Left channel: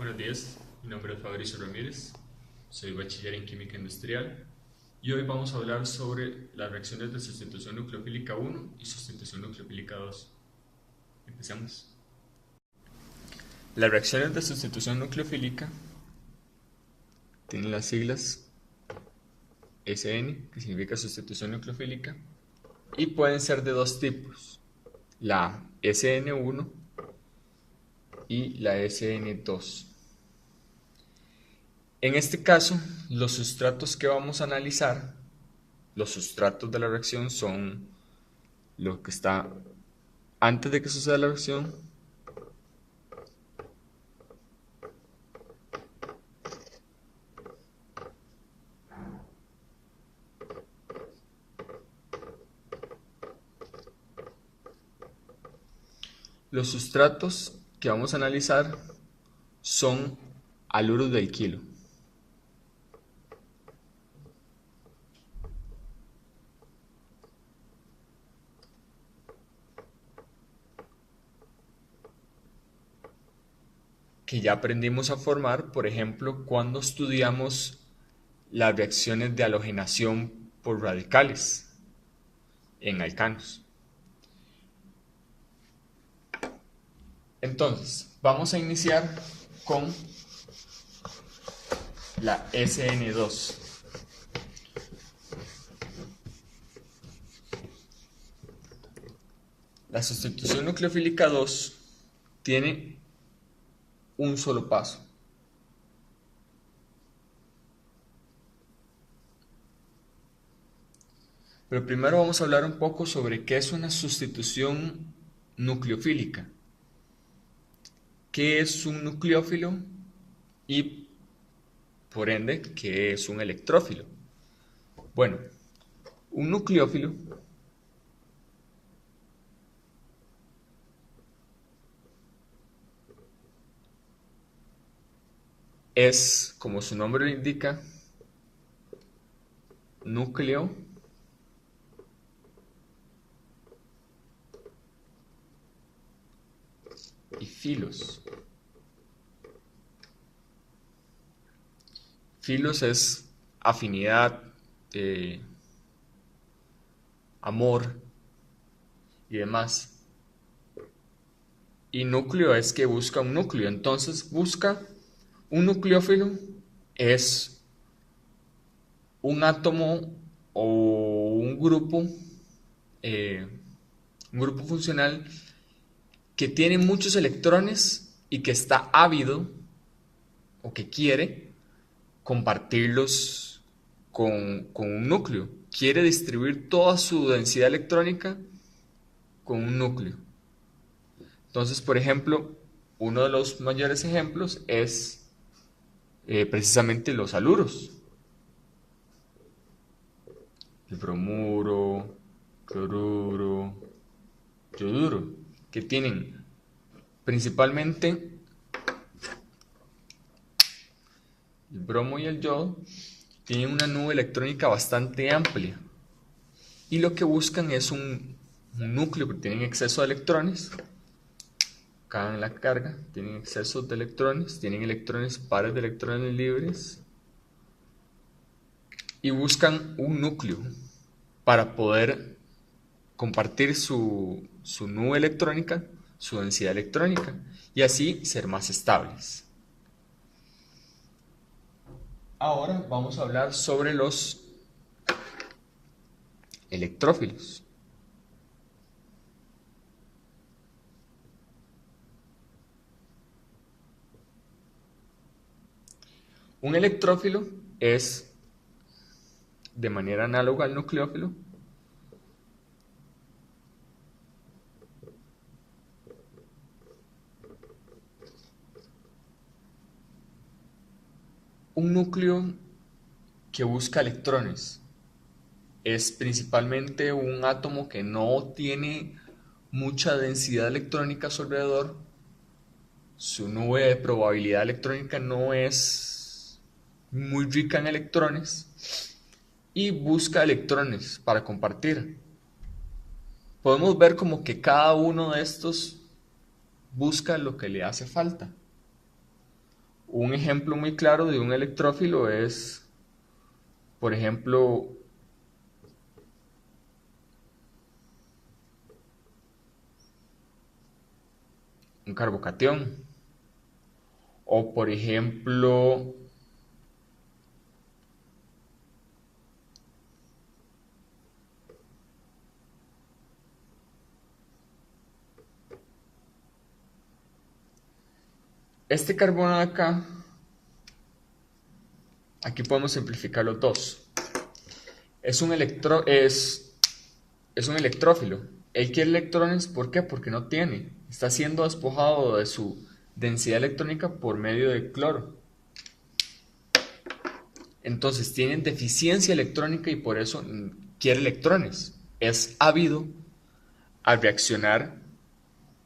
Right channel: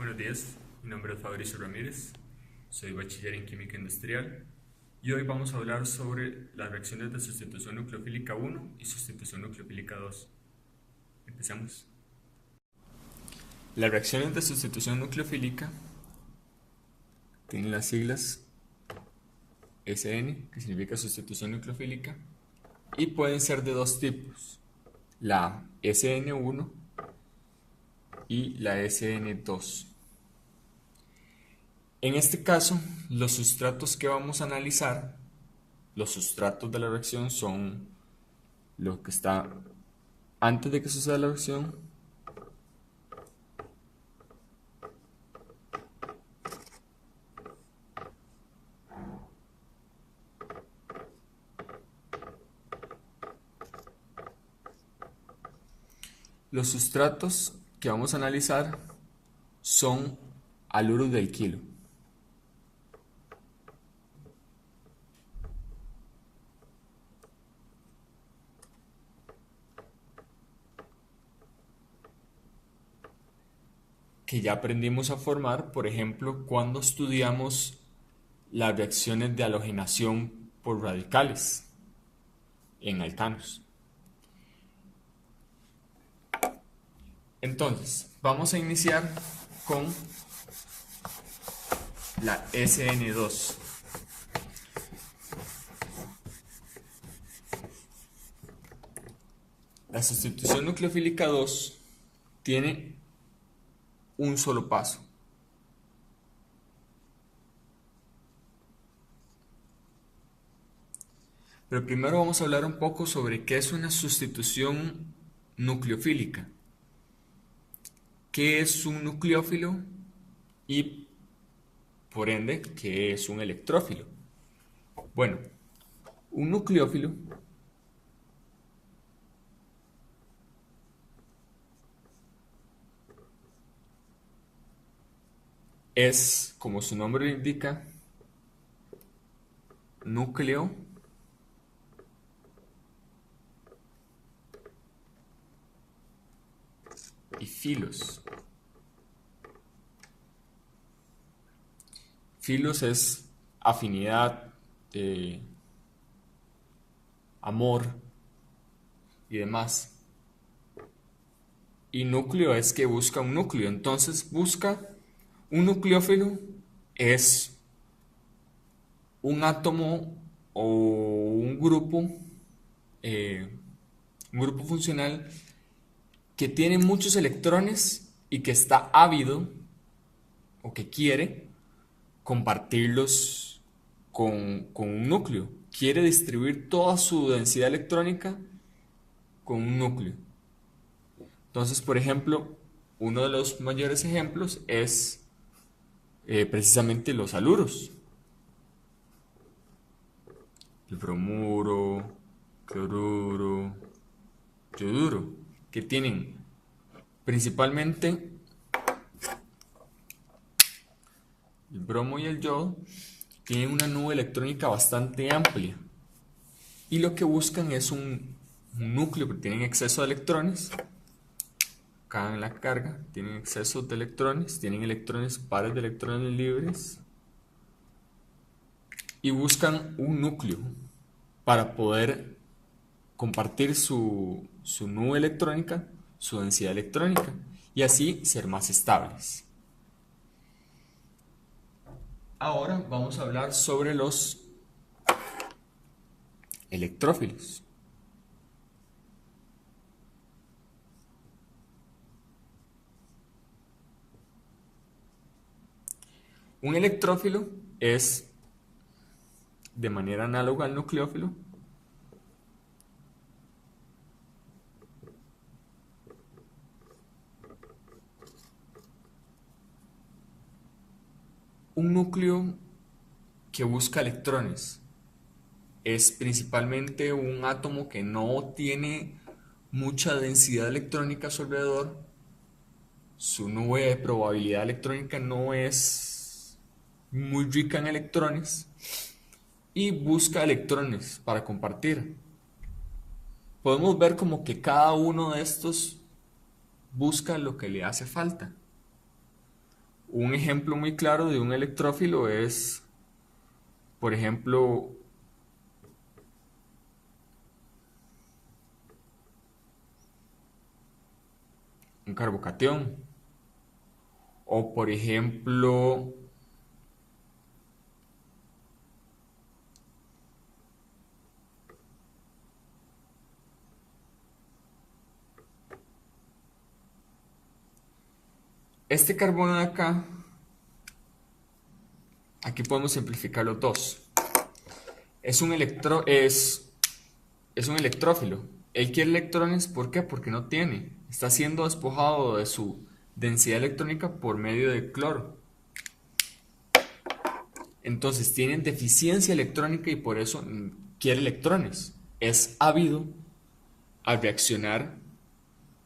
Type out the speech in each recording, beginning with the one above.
Buenos días, mi nombre es Fabricio Ramírez, soy bachiller en Química Industrial y hoy vamos a hablar sobre las reacciones de sustitución nucleofílica 1 y sustitución nucleofílica 2. Empecemos. Las reacciones de sustitución nucleofílica tienen las siglas SN, que significa sustitución nucleofílica, y pueden ser de dos tipos, la SN1 y la SN2. En este caso, los sustratos que vamos a analizar, los sustratos de la reacción son lo que está antes de que suceda la reacción, los sustratos que vamos a analizar son haluros del kilo. Que ya aprendimos a formar, por ejemplo, cuando estudiamos las reacciones de halogenación por radicales en alcanos. Entonces, vamos a iniciar con la SN2. La sustitución nucleofílica 2 tiene un solo paso. Pero primero vamos a hablar un poco sobre qué es una sustitución nucleofílica. ¿Qué es un nucleófilo? Y por ende, ¿qué es un electrófilo? Bueno, un nucleófilo es, como su nombre lo indica, núcleo y filos. Filos es afinidad, amor y demás. Y núcleo es que busca un núcleo. Entonces busca un nucleófilo, es un átomo o un grupo funcional que tiene muchos electrones y que está ávido o que quiere compartirlos con un núcleo. Quiere distribuir toda su densidad electrónica con un núcleo. Entonces, por ejemplo, uno de los mayores ejemplos es precisamente los haluros. El bromuro, cloruro, yoduro, que tienen principalmente el bromo y el yodo, tienen una nube electrónica bastante amplia y lo que buscan es un núcleo que tiene exceso de electrones. Acá en la carga tienen exceso de electrones, tienen electrones, pares de electrones libres y buscan un núcleo para poder compartir su nube electrónica, su densidad electrónica y así ser más estables. Ahora vamos a hablar sobre los electrófilos. Un electrófilo es, de manera análoga al nucleófilo, un núcleo que busca electrones. Es principalmente un átomo que no tiene mucha densidad electrónica a su alrededor. Su nube de probabilidad electrónica no es muy rica en electrones y busca electrones para compartir. Podemos ver como que cada uno de estos busca lo que le hace falta. Un ejemplo muy claro de un electrófilo es, por ejemplo, un carbocatión. O por ejemplo, este carbono de acá, aquí podemos simplificar los dos. Es un un electrófilo. Él quiere electrones, ¿por qué? Porque no tiene. Está siendo despojado de su densidad electrónica por medio de cloro. Entonces tienen deficiencia electrónica y por eso quiere electrones. Es ávido a reaccionar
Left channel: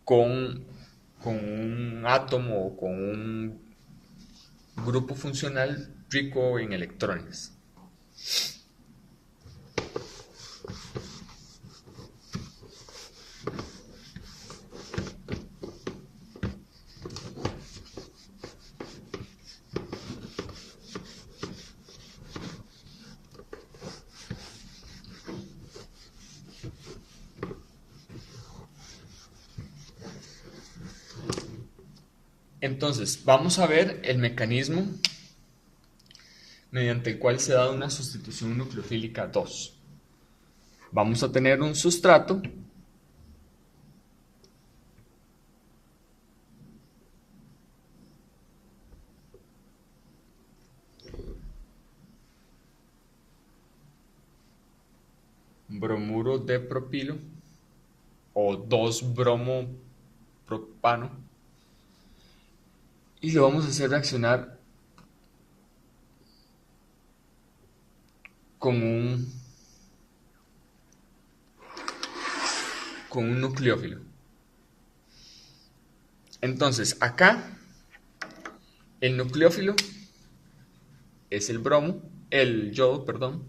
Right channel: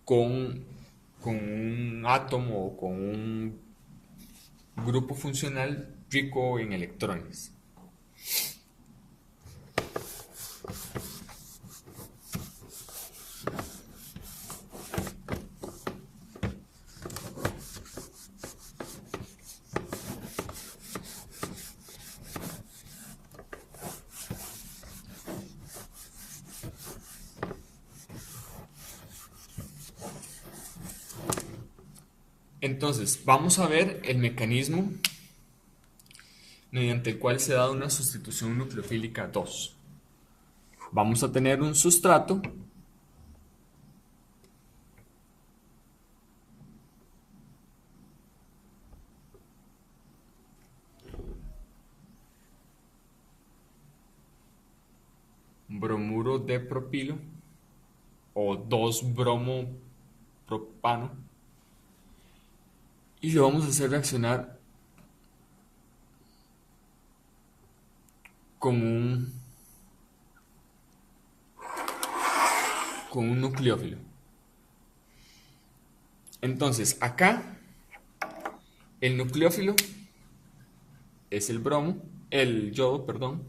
con, con un átomo o con un grupo funcional rico en electrones. Entonces, vamos a ver el mecanismo mediante el cual se da una sustitución nucleofílica 2. Vamos a tener un sustrato bromuro de propilo o 2-bromo-propano y lo vamos a hacer reaccionar con un nucleófilo. Entonces, acá el nucleófilo es el yodo, perdón,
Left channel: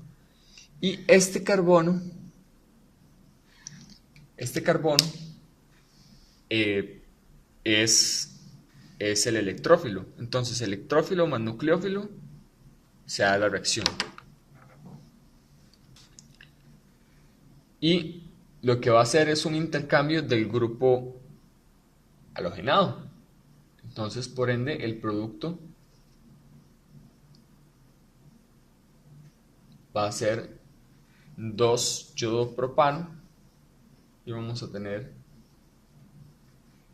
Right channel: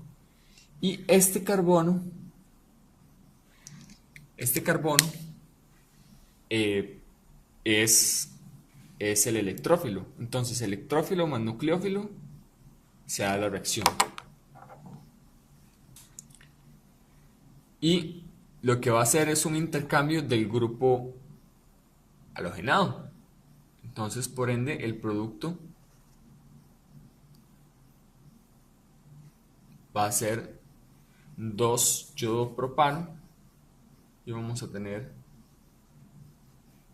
y este carbono es el electrófilo. Entonces, electrófilo más nucleófilo se da la reacción. Y lo que va a hacer es un intercambio del grupo halogenado. Entonces, por ende, el producto va a ser 2-yodo-propano y vamos a tener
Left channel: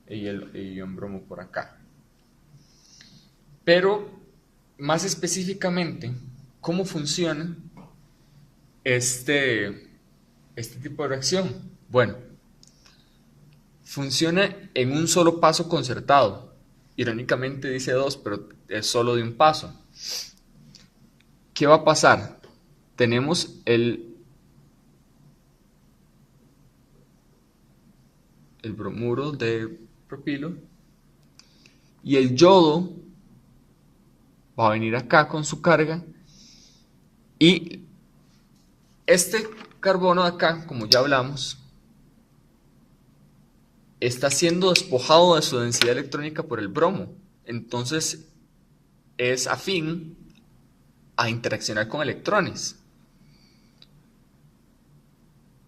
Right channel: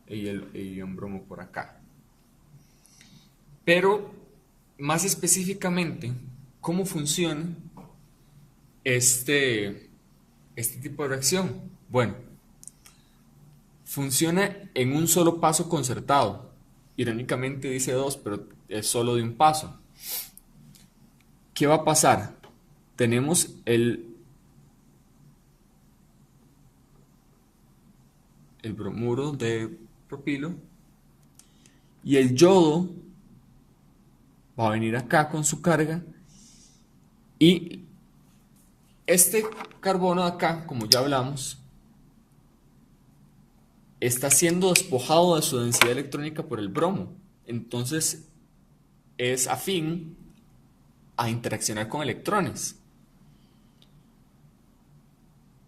el ion bromo por acá. Pero, más específicamente, ¿cómo funciona este tipo de reacción? Bueno, funciona en un solo paso concertado. Irónicamente dice 2, pero es solo de un paso. ¿Qué va a pasar? Tenemos el bromuro de propilo y el yodo va a venir acá con su carga y este carbono de acá, como ya hablamos, está siendo despojado de su densidad electrónica por el bromo. Entonces es afín a interaccionar con electrones.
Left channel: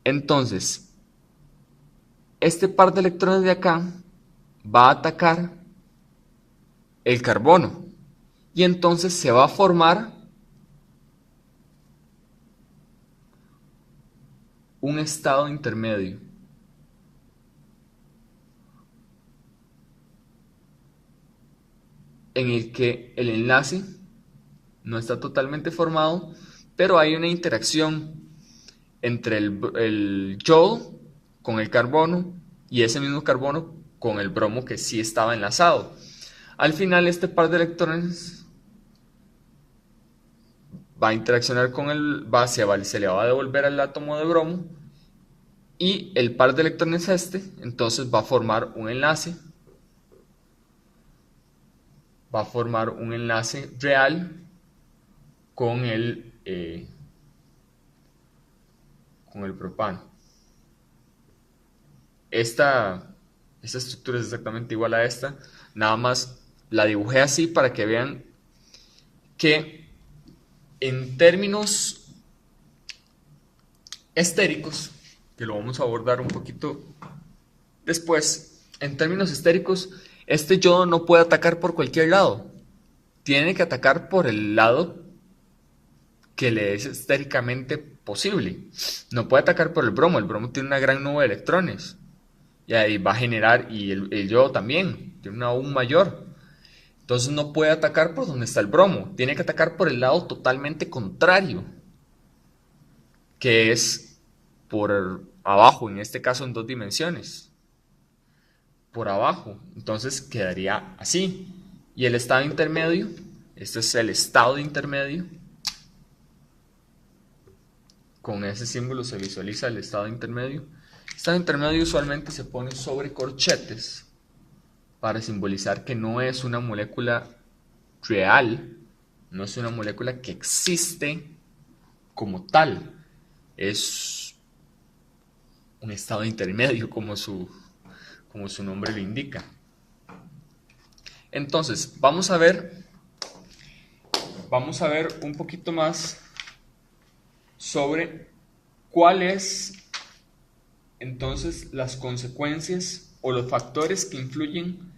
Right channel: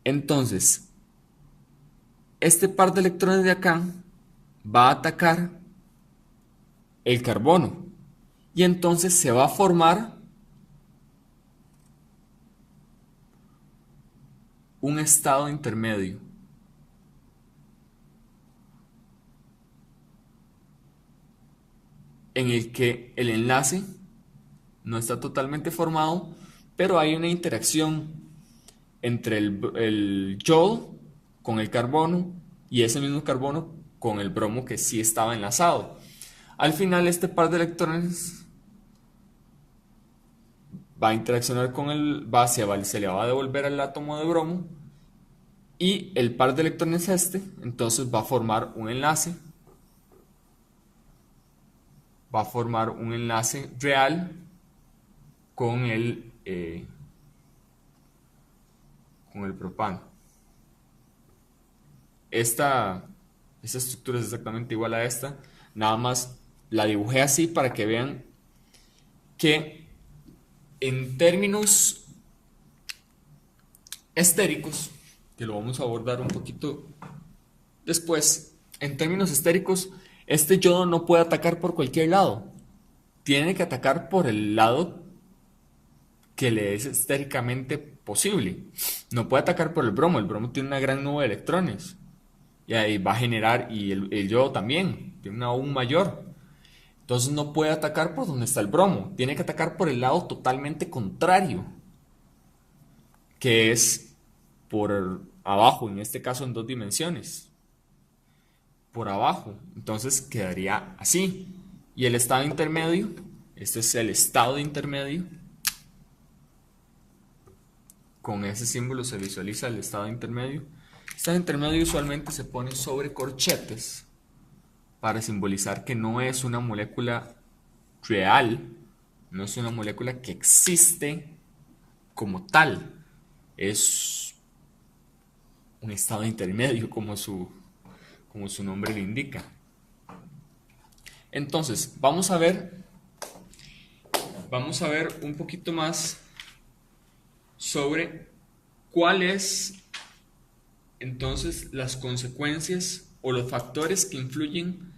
Entonces, este par de electrones de acá va a atacar el carbono y entonces se va a formar un estado intermedio. En el que el enlace no está totalmente formado, pero hay una interacción entre el yodo con el carbono y ese mismo carbono con el bromo que sí estaba enlazado. Al final este par de electrones va a interaccionar con se le va a devolver al átomo de bromo y el par de electrones entonces va a formar un enlace real con el propano. Esta estructura es exactamente igual a esta, nada más la dibujé así para que vean que en términos estéricos, que lo vamos a abordar un poquito después, en términos estéricos, este yodo no puede atacar por cualquier lado. Tiene que atacar por el lado que le es estéricamente posible. No puede atacar por el bromo. El bromo tiene una gran nube de electrones. Y ahí va a generar, y el yodo también, tiene una aún mayor. Entonces no puede atacar por donde está el bromo. Tiene que atacar por el lado totalmente contrario, que es por abajo, en este caso en 2 dimensiones. Por abajo. Entonces quedaría así. Y el estado intermedio, este es el estado intermedio. Con ese símbolo se visualiza el estado intermedio. El estado intermedio usualmente se pone sobre corchetes para simbolizar que no es una molécula real, no es una molécula que existe como tal, es un estado intermedio como su nombre lo indica. Entonces, vamos a ver un poquito más sobre cuáles entonces las consecuencias o los factores que influyen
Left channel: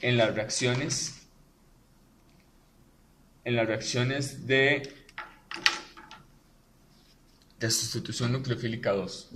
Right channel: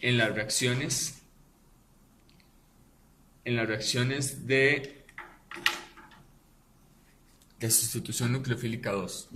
en las reacciones de sustitución nucleofílica 2.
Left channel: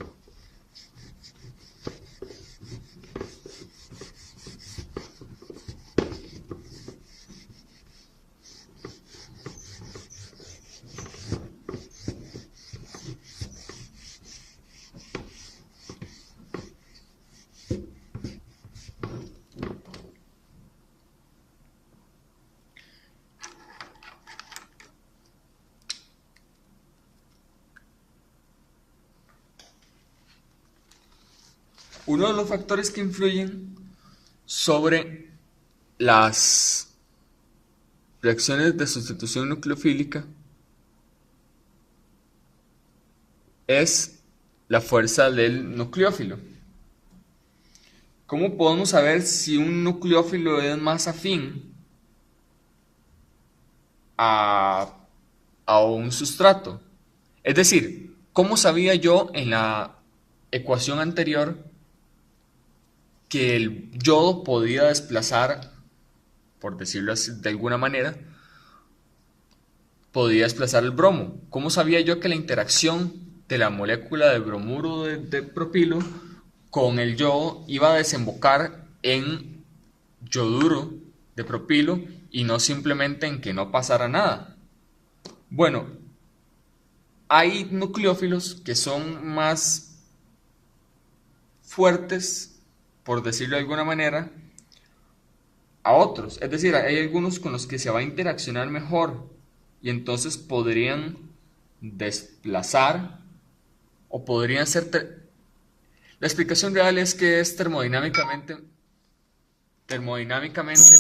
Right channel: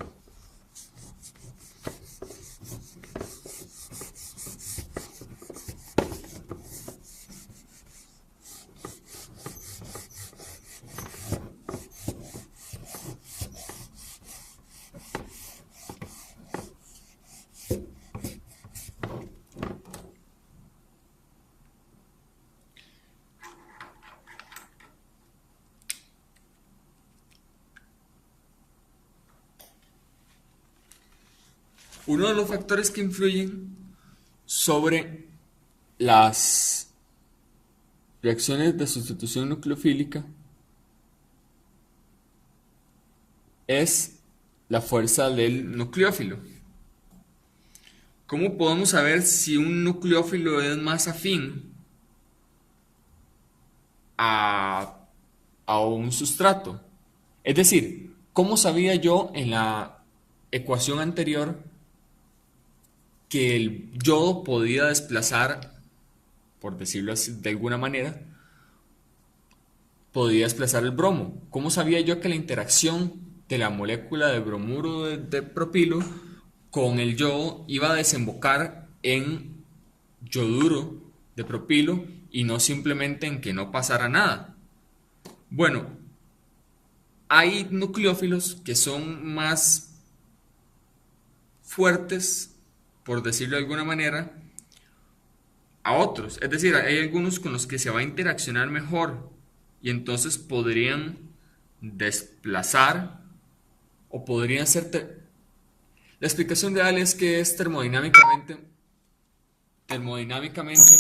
Uno de los factores que influyen sobre las reacciones de sustitución nucleofílica es la fuerza del nucleófilo. ¿Cómo podemos saber si un nucleófilo es más afín a un sustrato? Es decir, ¿cómo sabía yo en la ecuación anterior que el yodo podía desplazar, por decirlo así de alguna manera, podía desplazar el bromo? ¿Cómo sabía yo que la interacción de la molécula de bromuro de propilo con el yodo iba a desembocar en yoduro de propilo y no simplemente en que no pasara nada? Bueno, hay nucleófilos que son más fuertes, por decirlo de alguna manera, a otros. Es decir, hay algunos con los que se va a interaccionar mejor y entonces podrían desplazar o podrían ser... La explicación real es que es termodinámicamente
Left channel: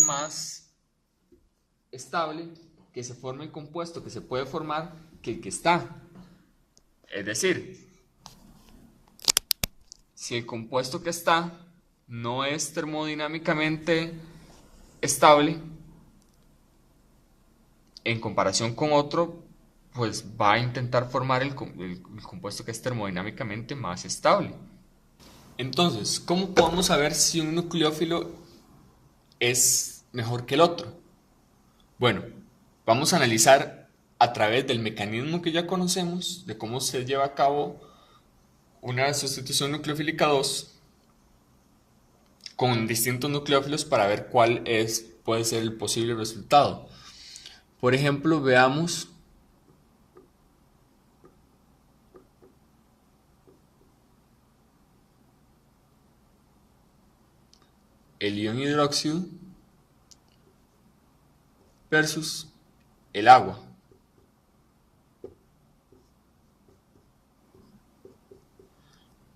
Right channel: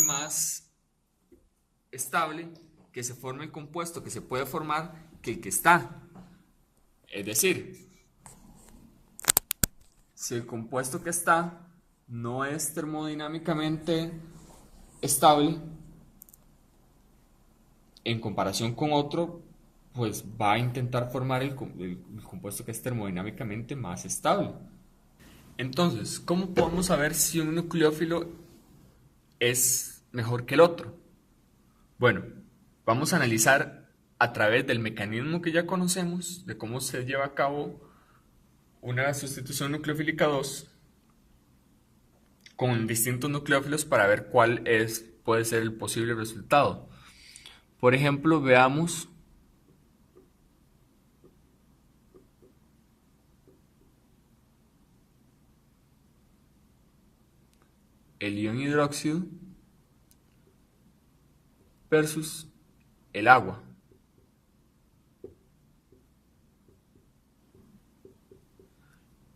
más estable que se forme el compuesto que se puede formar que el que está. Es decir, si el compuesto que está no es termodinámicamente estable en comparación con otro, pues va a intentar formar el compuesto que es termodinámicamente más estable. Entonces, ¿cómo podemos saber si un nucleófilo es mejor que el otro? Bueno, vamos a analizar a través del mecanismo que ya conocemos de cómo se lleva a cabo una sustitución nucleofílica 2 con distintos nucleófilos para ver cuál puede ser el posible resultado. Por ejemplo, veamos el ion hidróxido versus el agua.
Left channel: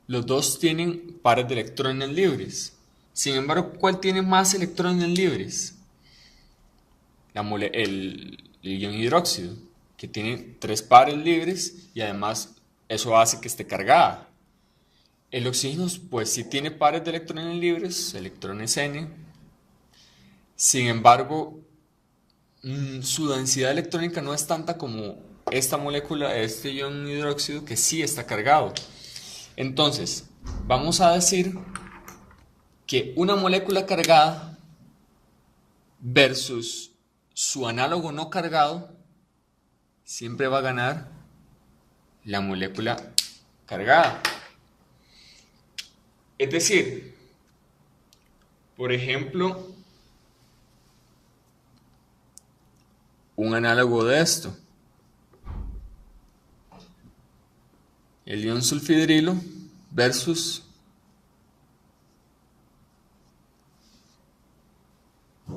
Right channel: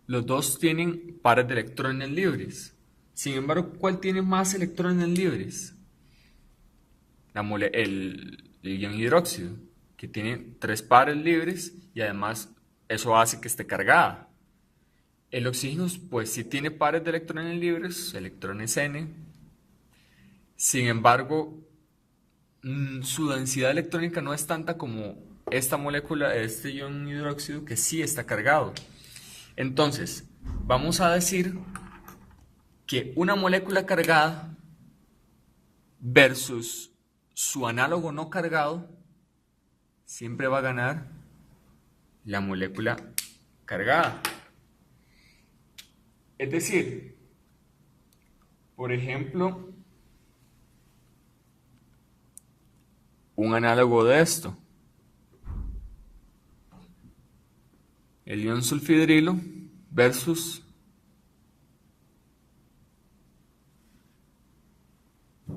Los dos tienen pares de electrones libres. Sin embargo, ¿cuál tiene más electrones libres? El ion hidróxido, que tiene 3 pares libres y además eso hace que esté cargada. El oxígeno, pues sí tiene pares de electrones libres, electrones N, Sin embargo, su densidad electrónica no es tanta como esta molécula, este ion hidróxido, que sí está cargado. Entonces, vamos a decir que una molécula cargada versus su análogo no cargado siempre va a ganar la molécula cargada. Es decir, por ejemplo, un análogo de esto, el ion sulfhidrilo versus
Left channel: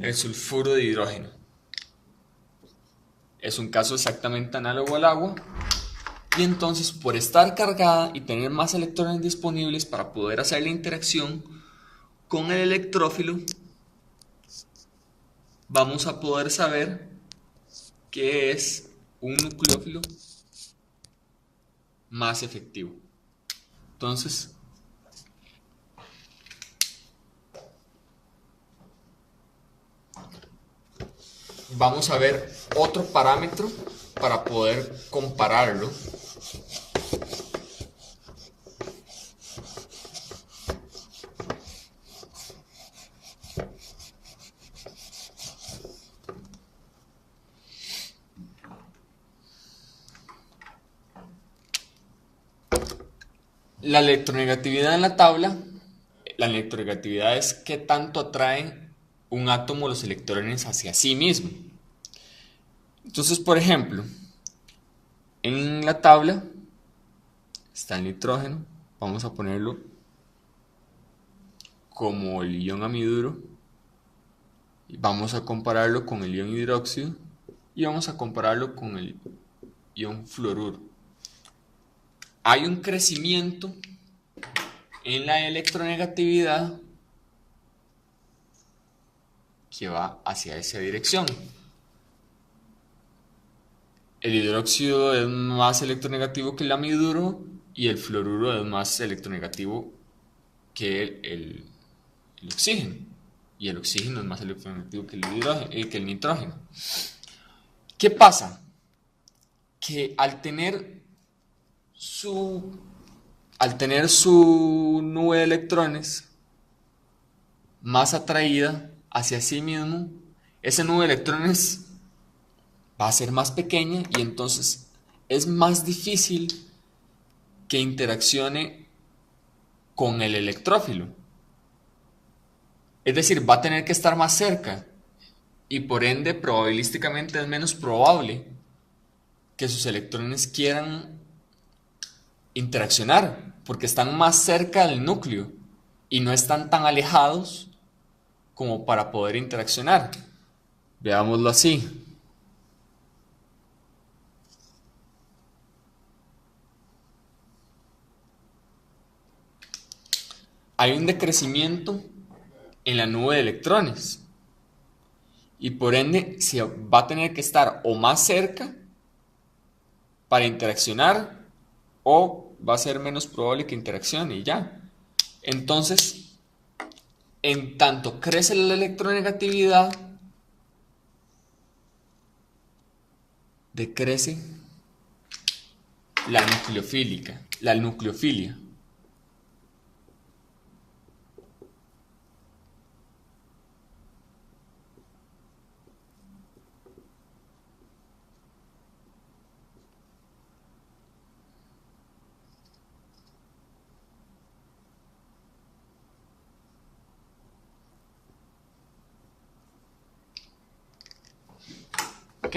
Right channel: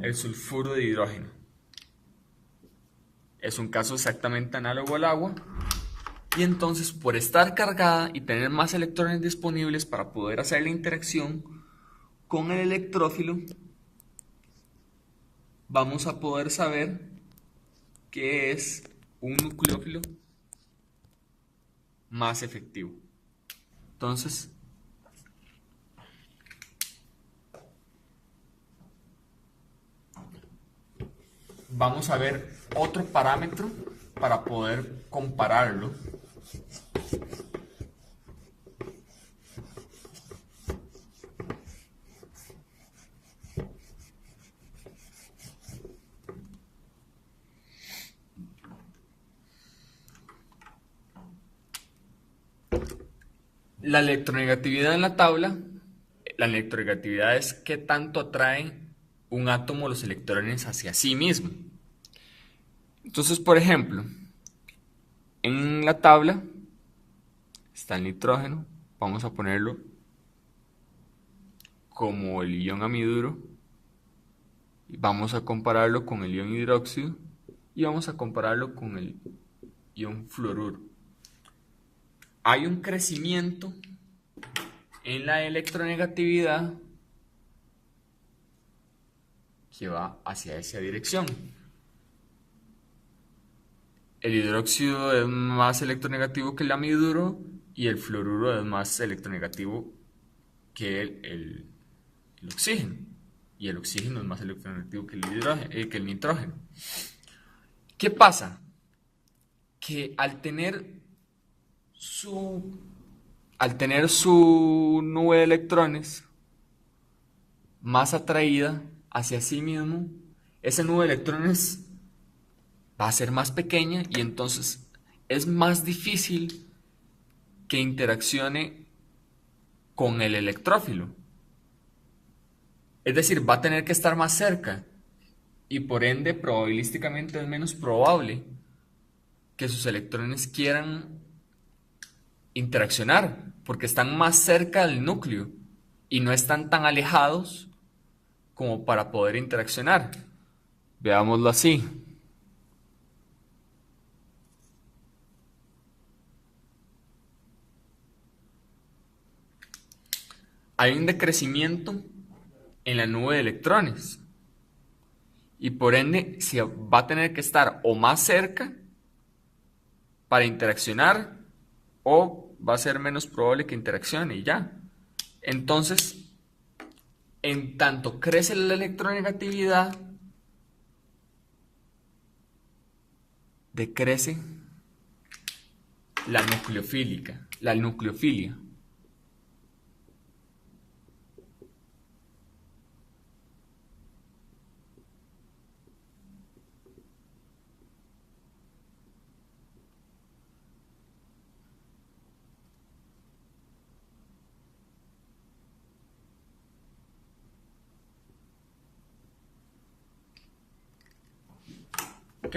el sulfuro de hidrógeno. Es un caso exactamente análogo al agua, y entonces, por estar cargada y tener más electrones disponibles para poder hacer la interacción con el electrófilo, vamos a poder saber que es un nucleófilo más efectivo. Entonces, vamos a ver otro parámetro para poder compararlo. La electronegatividad en la tabla, la electronegatividad es qué tanto atrae un átomo los electrones hacia sí mismo. Entonces, por ejemplo, en la tabla está el nitrógeno, vamos a ponerlo como el ion amiduro, y vamos a compararlo con el ion hidróxido, y vamos a compararlo con el ion fluoruro. Hay un crecimiento en la electronegatividad que va hacia esa dirección. El hidróxido es más electronegativo que el amiduro, y el fluoruro es más electronegativo que el oxígeno. Y el oxígeno es más electronegativo que el nitrógeno. ¿Qué pasa? Que al tener su nube de electrones más atraída hacia sí mismo, esa nube de electrones va a ser más pequeña, y entonces es más difícil que interaccione con el electrófilo. Es decir, va a tener que estar más cerca, y por ende probabilísticamente es menos probable que sus electrones quieran interaccionar, porque están más cerca del núcleo y no están tan alejados como para poder interaccionar. Veámoslo así. Hay un decrecimiento en la nube de electrones, y por ende se va a tener que estar o más cerca para interaccionar, o va a ser menos probable que interaccione, y ya. Entonces, en tanto crece la electronegatividad, decrece la nucleofilia. ¿Ok?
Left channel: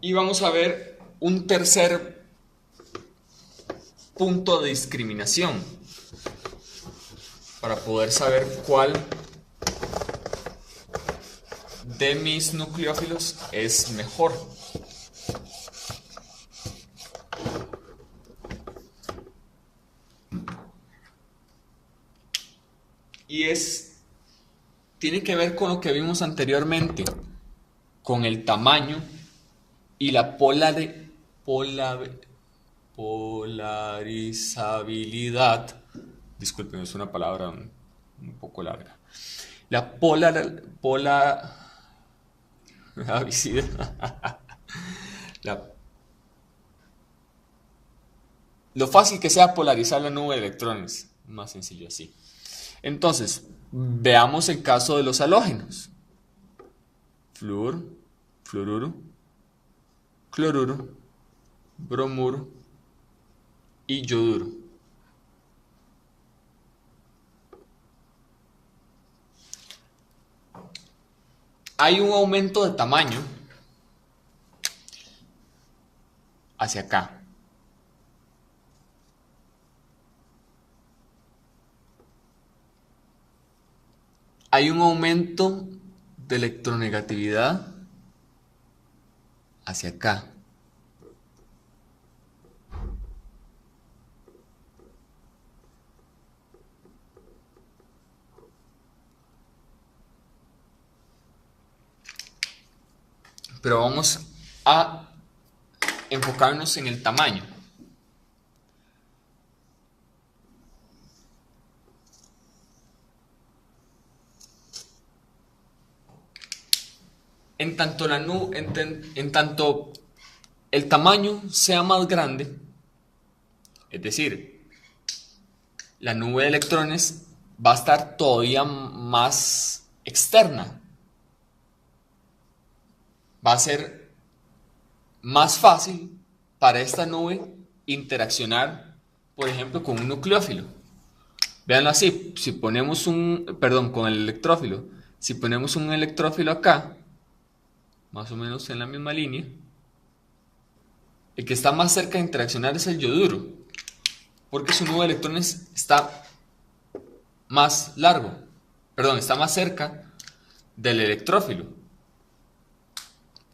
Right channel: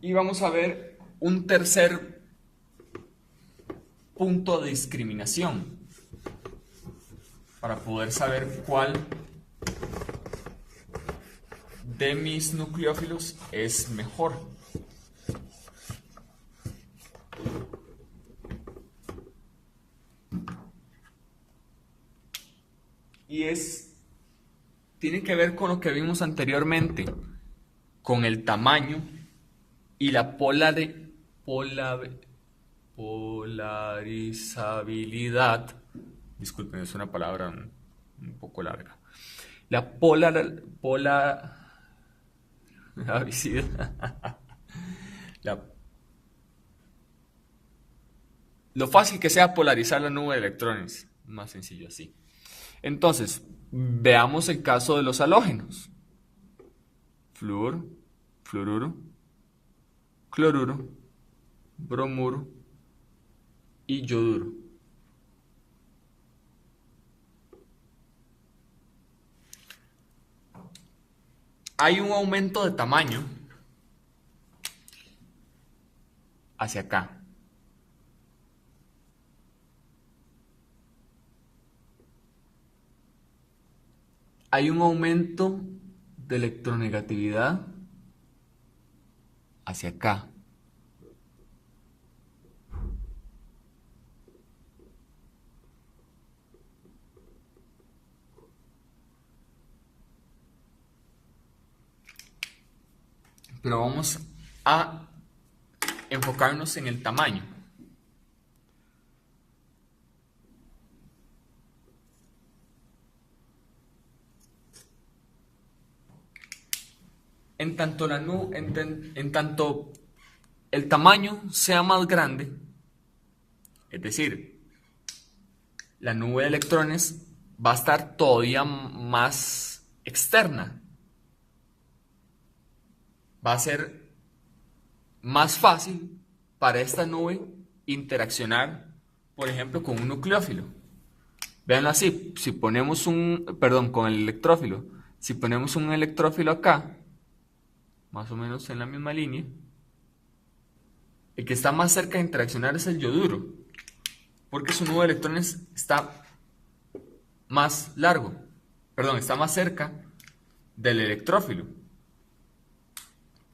Y vamos a ver un tercer punto de discriminación para poder saber cuál de mis nucleófilos es mejor. Y tiene que ver con lo que vimos anteriormente, con el tamaño y la polarizabilidad. Disculpen, es una palabra un poco larga. La la- lo fácil que sea polarizar la nube de electrones. Más sencillo así. Entonces, veamos el caso de los halógenos. Flúor, fluoruro, cloruro, bromuro y yoduro. Hay un aumento de tamaño hacia acá. Hay un aumento de electronegatividad hacia acá. Pero vamos a enfocarnos en el tamaño. En tanto, en tanto el tamaño sea más grande, es decir, la nube de electrones va a estar todavía más externa. Va a ser más fácil para esta nube interaccionar, por ejemplo, con un nucleófilo. Véanlo así, si ponemos perdón, con el electrófilo, si ponemos un electrófilo acá, más o menos en la misma línea, el que está más cerca de interaccionar es el yoduro, porque su nube de electrones está más largo, perdón, está más cerca del electrófilo.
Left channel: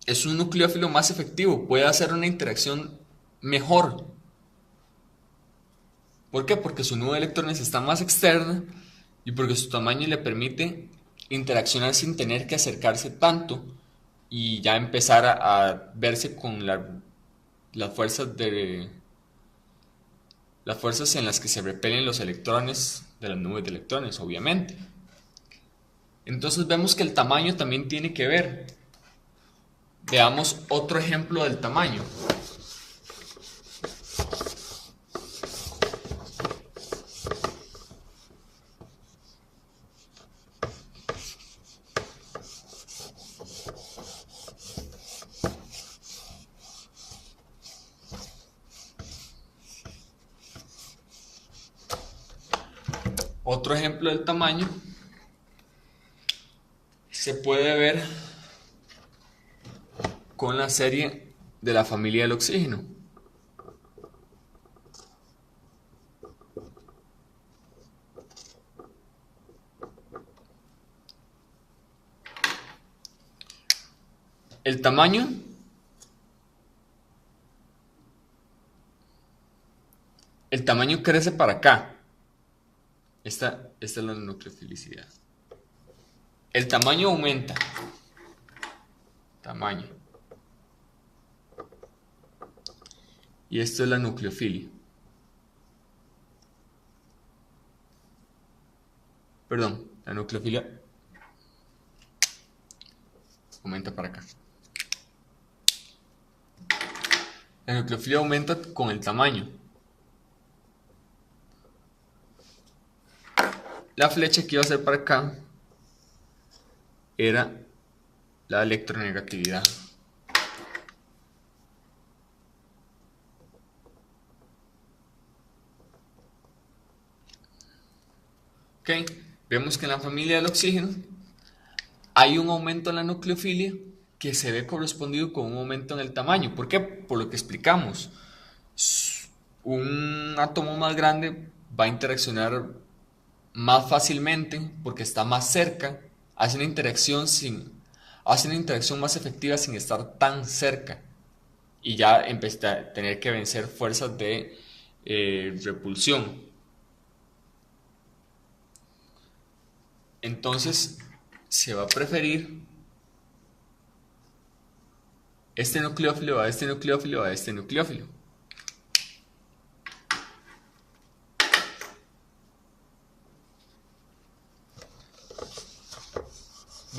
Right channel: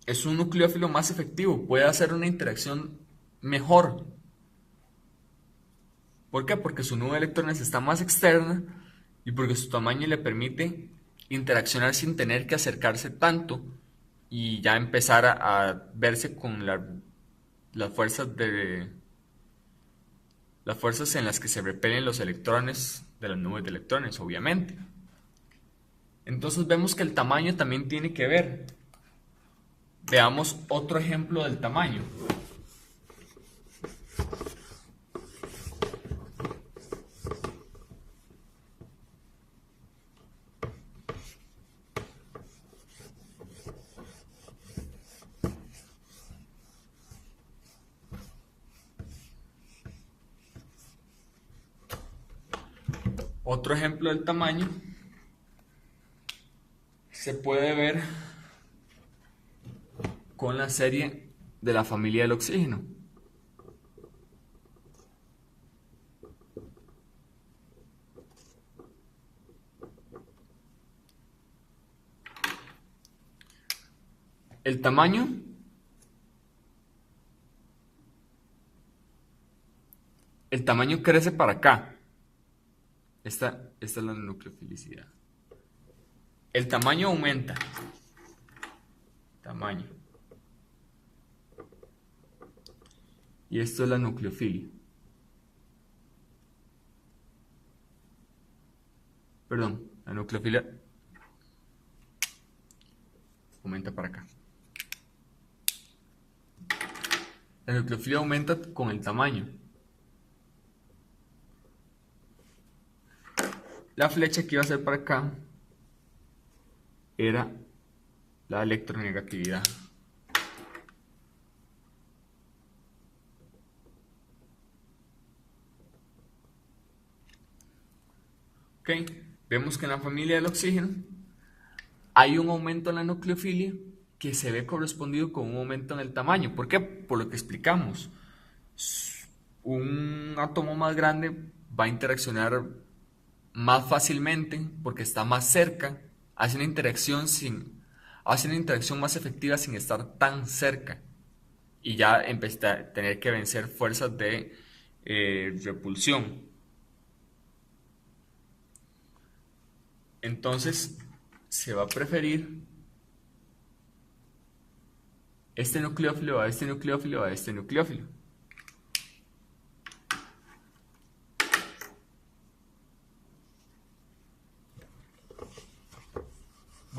Es un nucleófilo más efectivo, puede hacer una interacción mejor. ¿Por qué? Porque su nube de electrones está más externa y porque su tamaño le permite interaccionar sin tener que acercarse tanto y ya empezar a verse con las fuerzas las fuerzas en las que se repelen los electrones de las nubes de electrones, obviamente. Entonces vemos que el tamaño también tiene que ver. Veamos otro ejemplo del tamaño. Otro ejemplo del tamaño se puede ver con la serie de la familia del oxígeno. El tamaño crece para acá. Esta es la nucleofilicidad. El tamaño aumenta. Tamaño. Y esto es la nucleofilia. Perdón, la nucleofilia aumenta para acá. La nucleofilia aumenta con el tamaño. La flecha que iba a ser para acá era la electronegatividad. Ok, vemos que en la familia del oxígeno hay un aumento en la nucleofilia que se ve correspondido con un aumento en el tamaño. ¿Por qué? Por lo que explicamos. Un átomo más grande va a interaccionar más fácilmente porque está más cerca, hace una interacción más efectiva sin estar tan cerca y ya empecé a tener que vencer fuerzas de repulsión. Entonces se va a preferir este nucleófilo a este nucleófilo a este nucleófilo.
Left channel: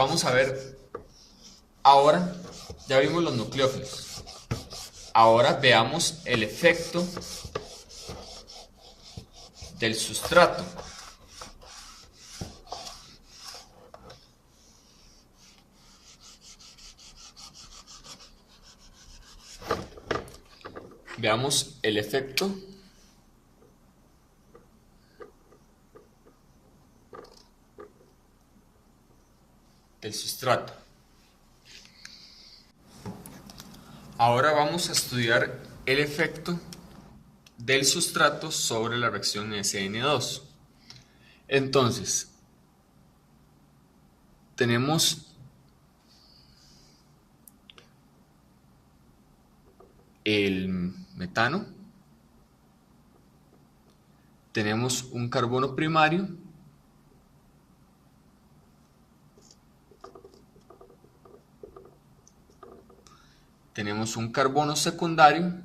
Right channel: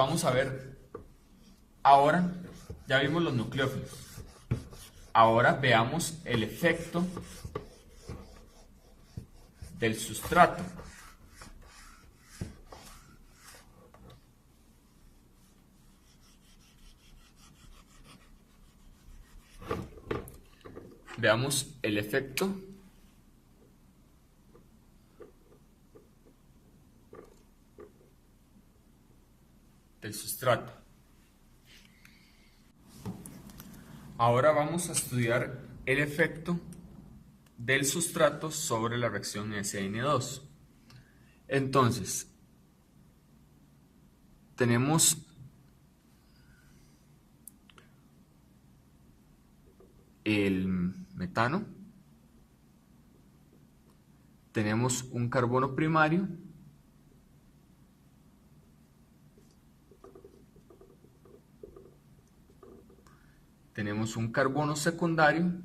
vamos a ver, ahora ya vimos los nucleófilos. Ahora veamos el efecto del sustrato. Veamos el efecto del sustrato. Ahora vamos a estudiar el efecto del sustrato sobre la reacción SN2. Entonces, tenemos el metano, tenemos un carbono primario, tenemos un carbono secundario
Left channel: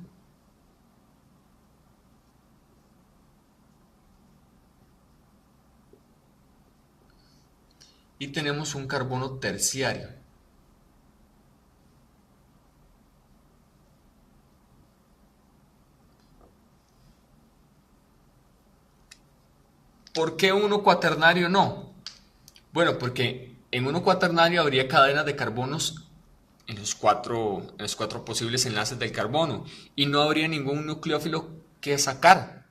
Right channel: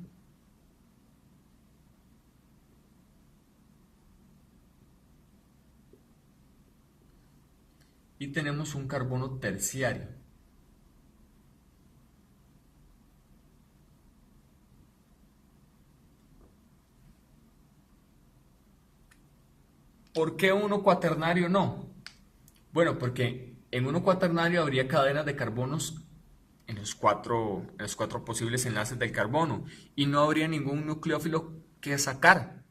y tenemos un carbono terciario. ¿Por qué uno cuaternario no? Bueno, porque en uno cuaternario habría cadenas de carbonos en los cuatro posibles enlaces del carbono y no habría ningún nucleófilo que sacar,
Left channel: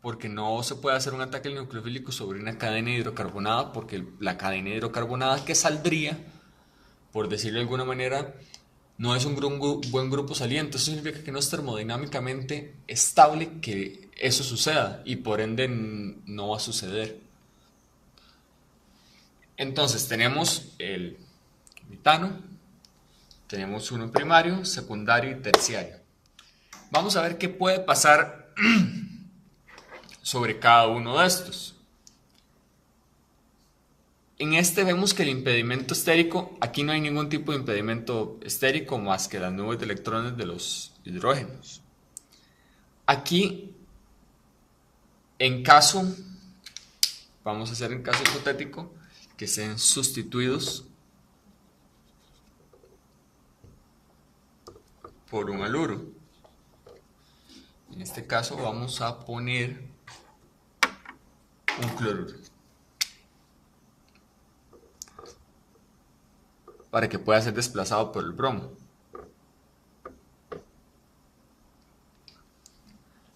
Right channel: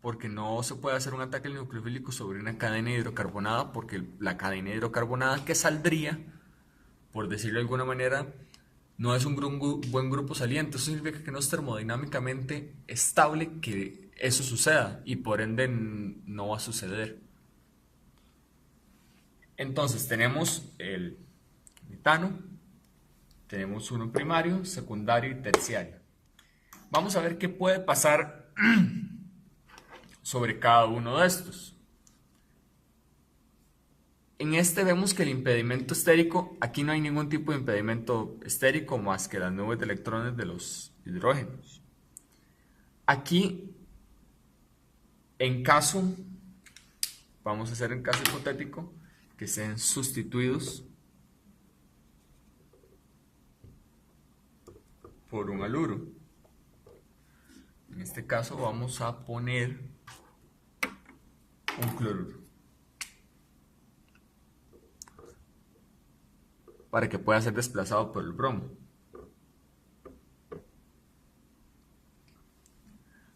porque no se puede hacer un ataque nucleofílico sobre una cadena hidrocarbonada, porque la cadena hidrocarbonada que saldría, por decirlo de alguna manera, no es un buen grupo saliente. Eso significa que no es termodinámicamente estable que eso suceda y por ende no va a suceder. Entonces tenemos el metano, tenemos uno primario, secundario y terciario. Vamos a ver qué puede pasar sobre cada uno de estos. En este vemos que el impedimento estérico, aquí no hay ningún tipo de impedimento estérico más que las nubes de electrones de los hidrógenos. Aquí, vamos a hacer en caso hipotético, que sean sustituidos por un haluro. En este caso vamos a poner un cloruro, para que pueda ser desplazado por el bromo.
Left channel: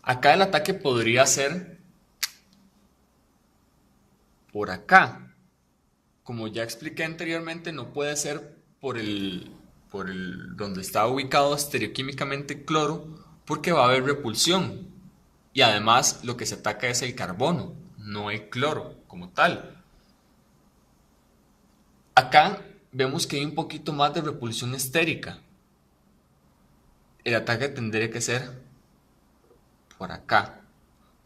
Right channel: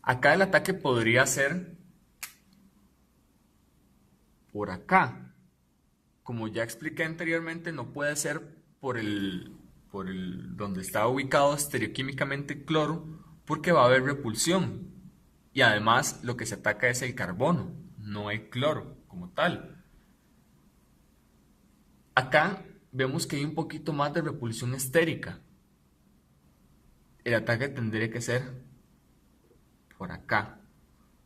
Acá el ataque podría ser por acá. Como ya expliqué anteriormente, no puede ser por el donde está ubicado estereoquímicamente cloro, porque va a haber repulsión. Y además lo que se ataca es el carbono, no el cloro como tal. Acá vemos que hay un poquito más de repulsión estérica. El ataque tendría que ser por acá.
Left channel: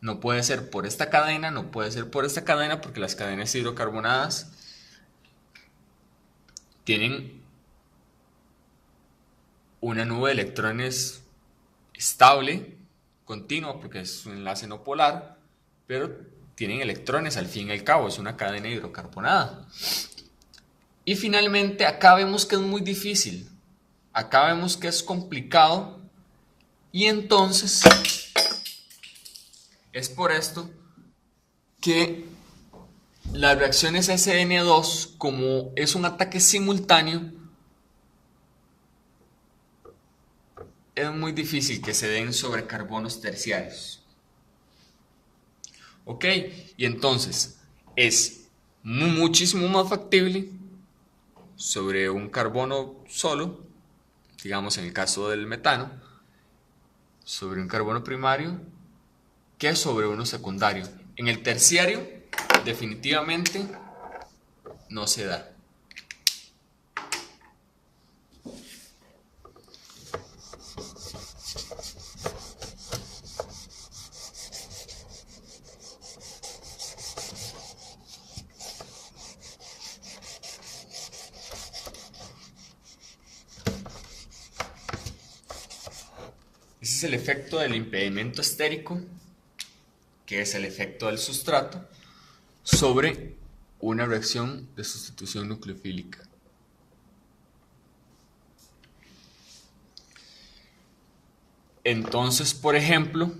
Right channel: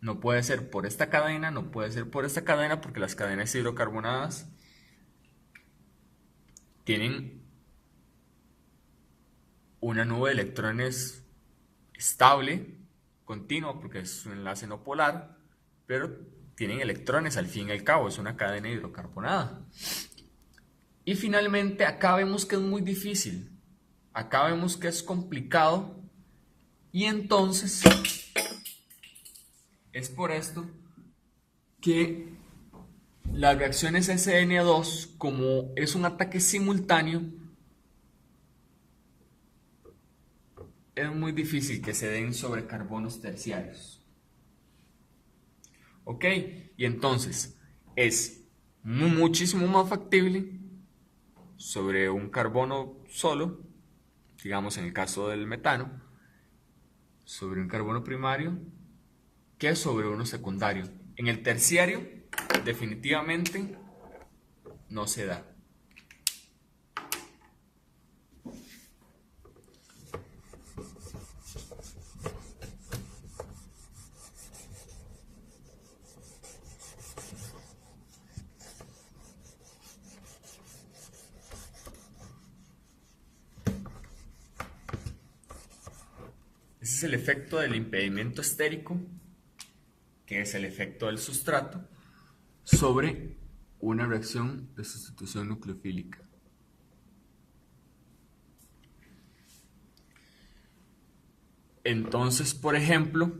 No puede ser por esta cadena, no puede ser por esta cadena, porque las cadenas hidrocarbonadas tienen una nube de electrones estable, continua, porque es un enlace no polar, pero tienen electrones al fin y al cabo, es una cadena hidrocarbonada. Y finalmente acá vemos que es muy difícil, acá vemos que es complicado, y entonces es por esto que las reacciones SN2, como es un ataque simultáneo, es muy difícil que se den sobre carbonos terciarios. Ok, y entonces es muchísimo más factible sobre un carbono solo, digamos en el caso del metano, sobre un carbono primario, que sobre uno secundario. En el terciario, definitivamente no se da. Ese es el efecto del impedimento estérico, que es el efecto del sustrato, sobre una reacción de sustitución nucleofílica. Entonces, por ejemplo,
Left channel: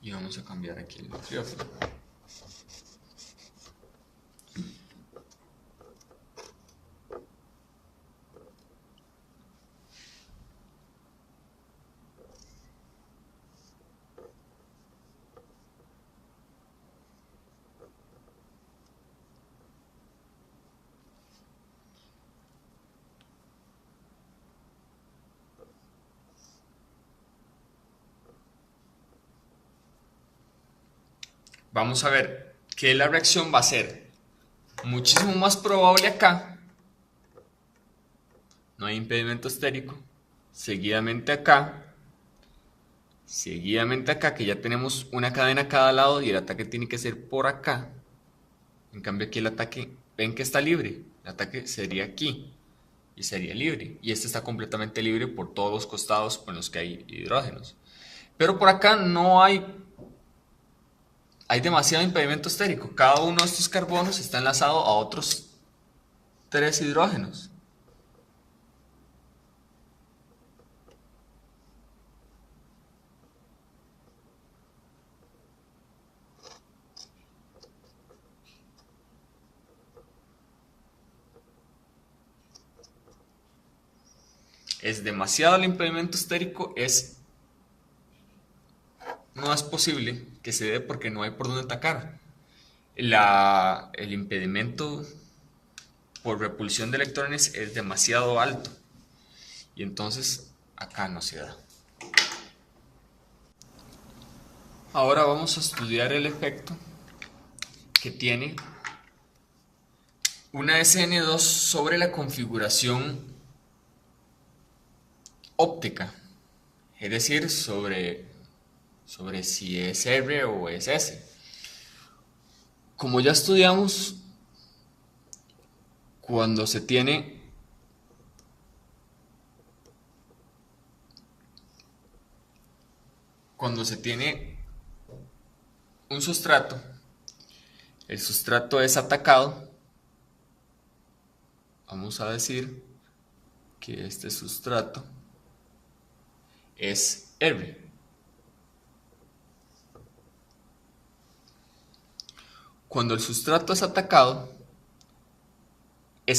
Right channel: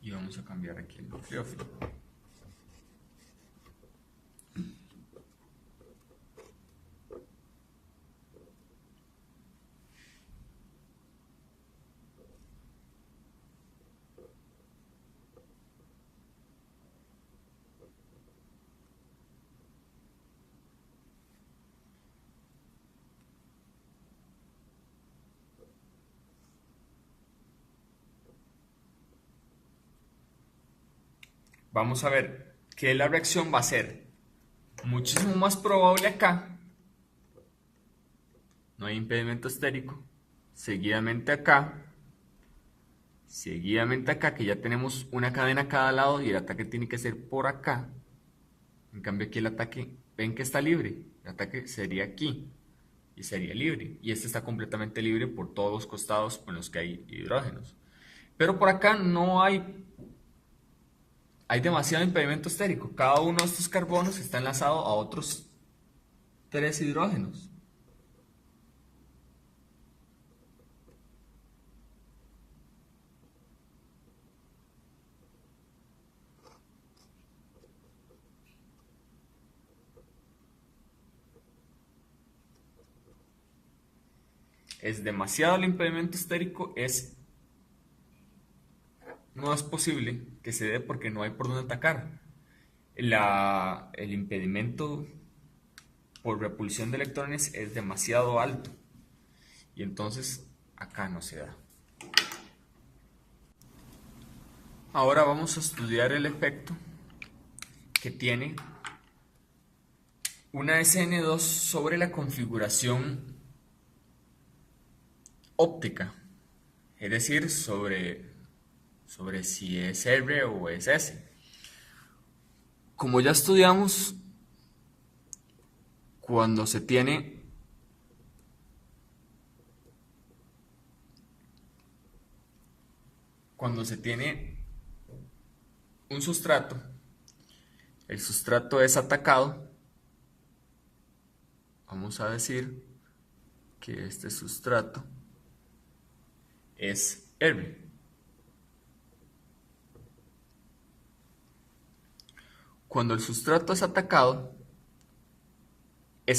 y vamos a cambiar aquí el nucleófilo. Vamos a ver que la reacción va a ser muchísimo más probable acá, no hay impedimento estérico, seguidamente acá, que ya tenemos una cadena a cada lado y el ataque tiene que ser por acá. En cambio aquí el ataque, ven que está libre, el ataque sería aquí y sería libre, y este está completamente libre por todos los costados con los que hay hidrógenos. Pero por acá no hay demasiado impedimento estérico. Cada uno de estos carbonos está enlazado a otros 3 hidrógenos. Es demasiado el impedimento estérico, no es posible que se dé porque no hay por dónde atacar. El impedimento por repulsión de electrones es demasiado alto y entonces acá no se da. Ahora vamos a estudiar el efecto que tiene una SN2 sobre la configuración óptica, es decir, sobre si es R o es S. Como ya estudiamos, cuando se tiene un sustrato, el sustrato es atacado, vamos a decir que este sustrato es R. Cuando el sustrato es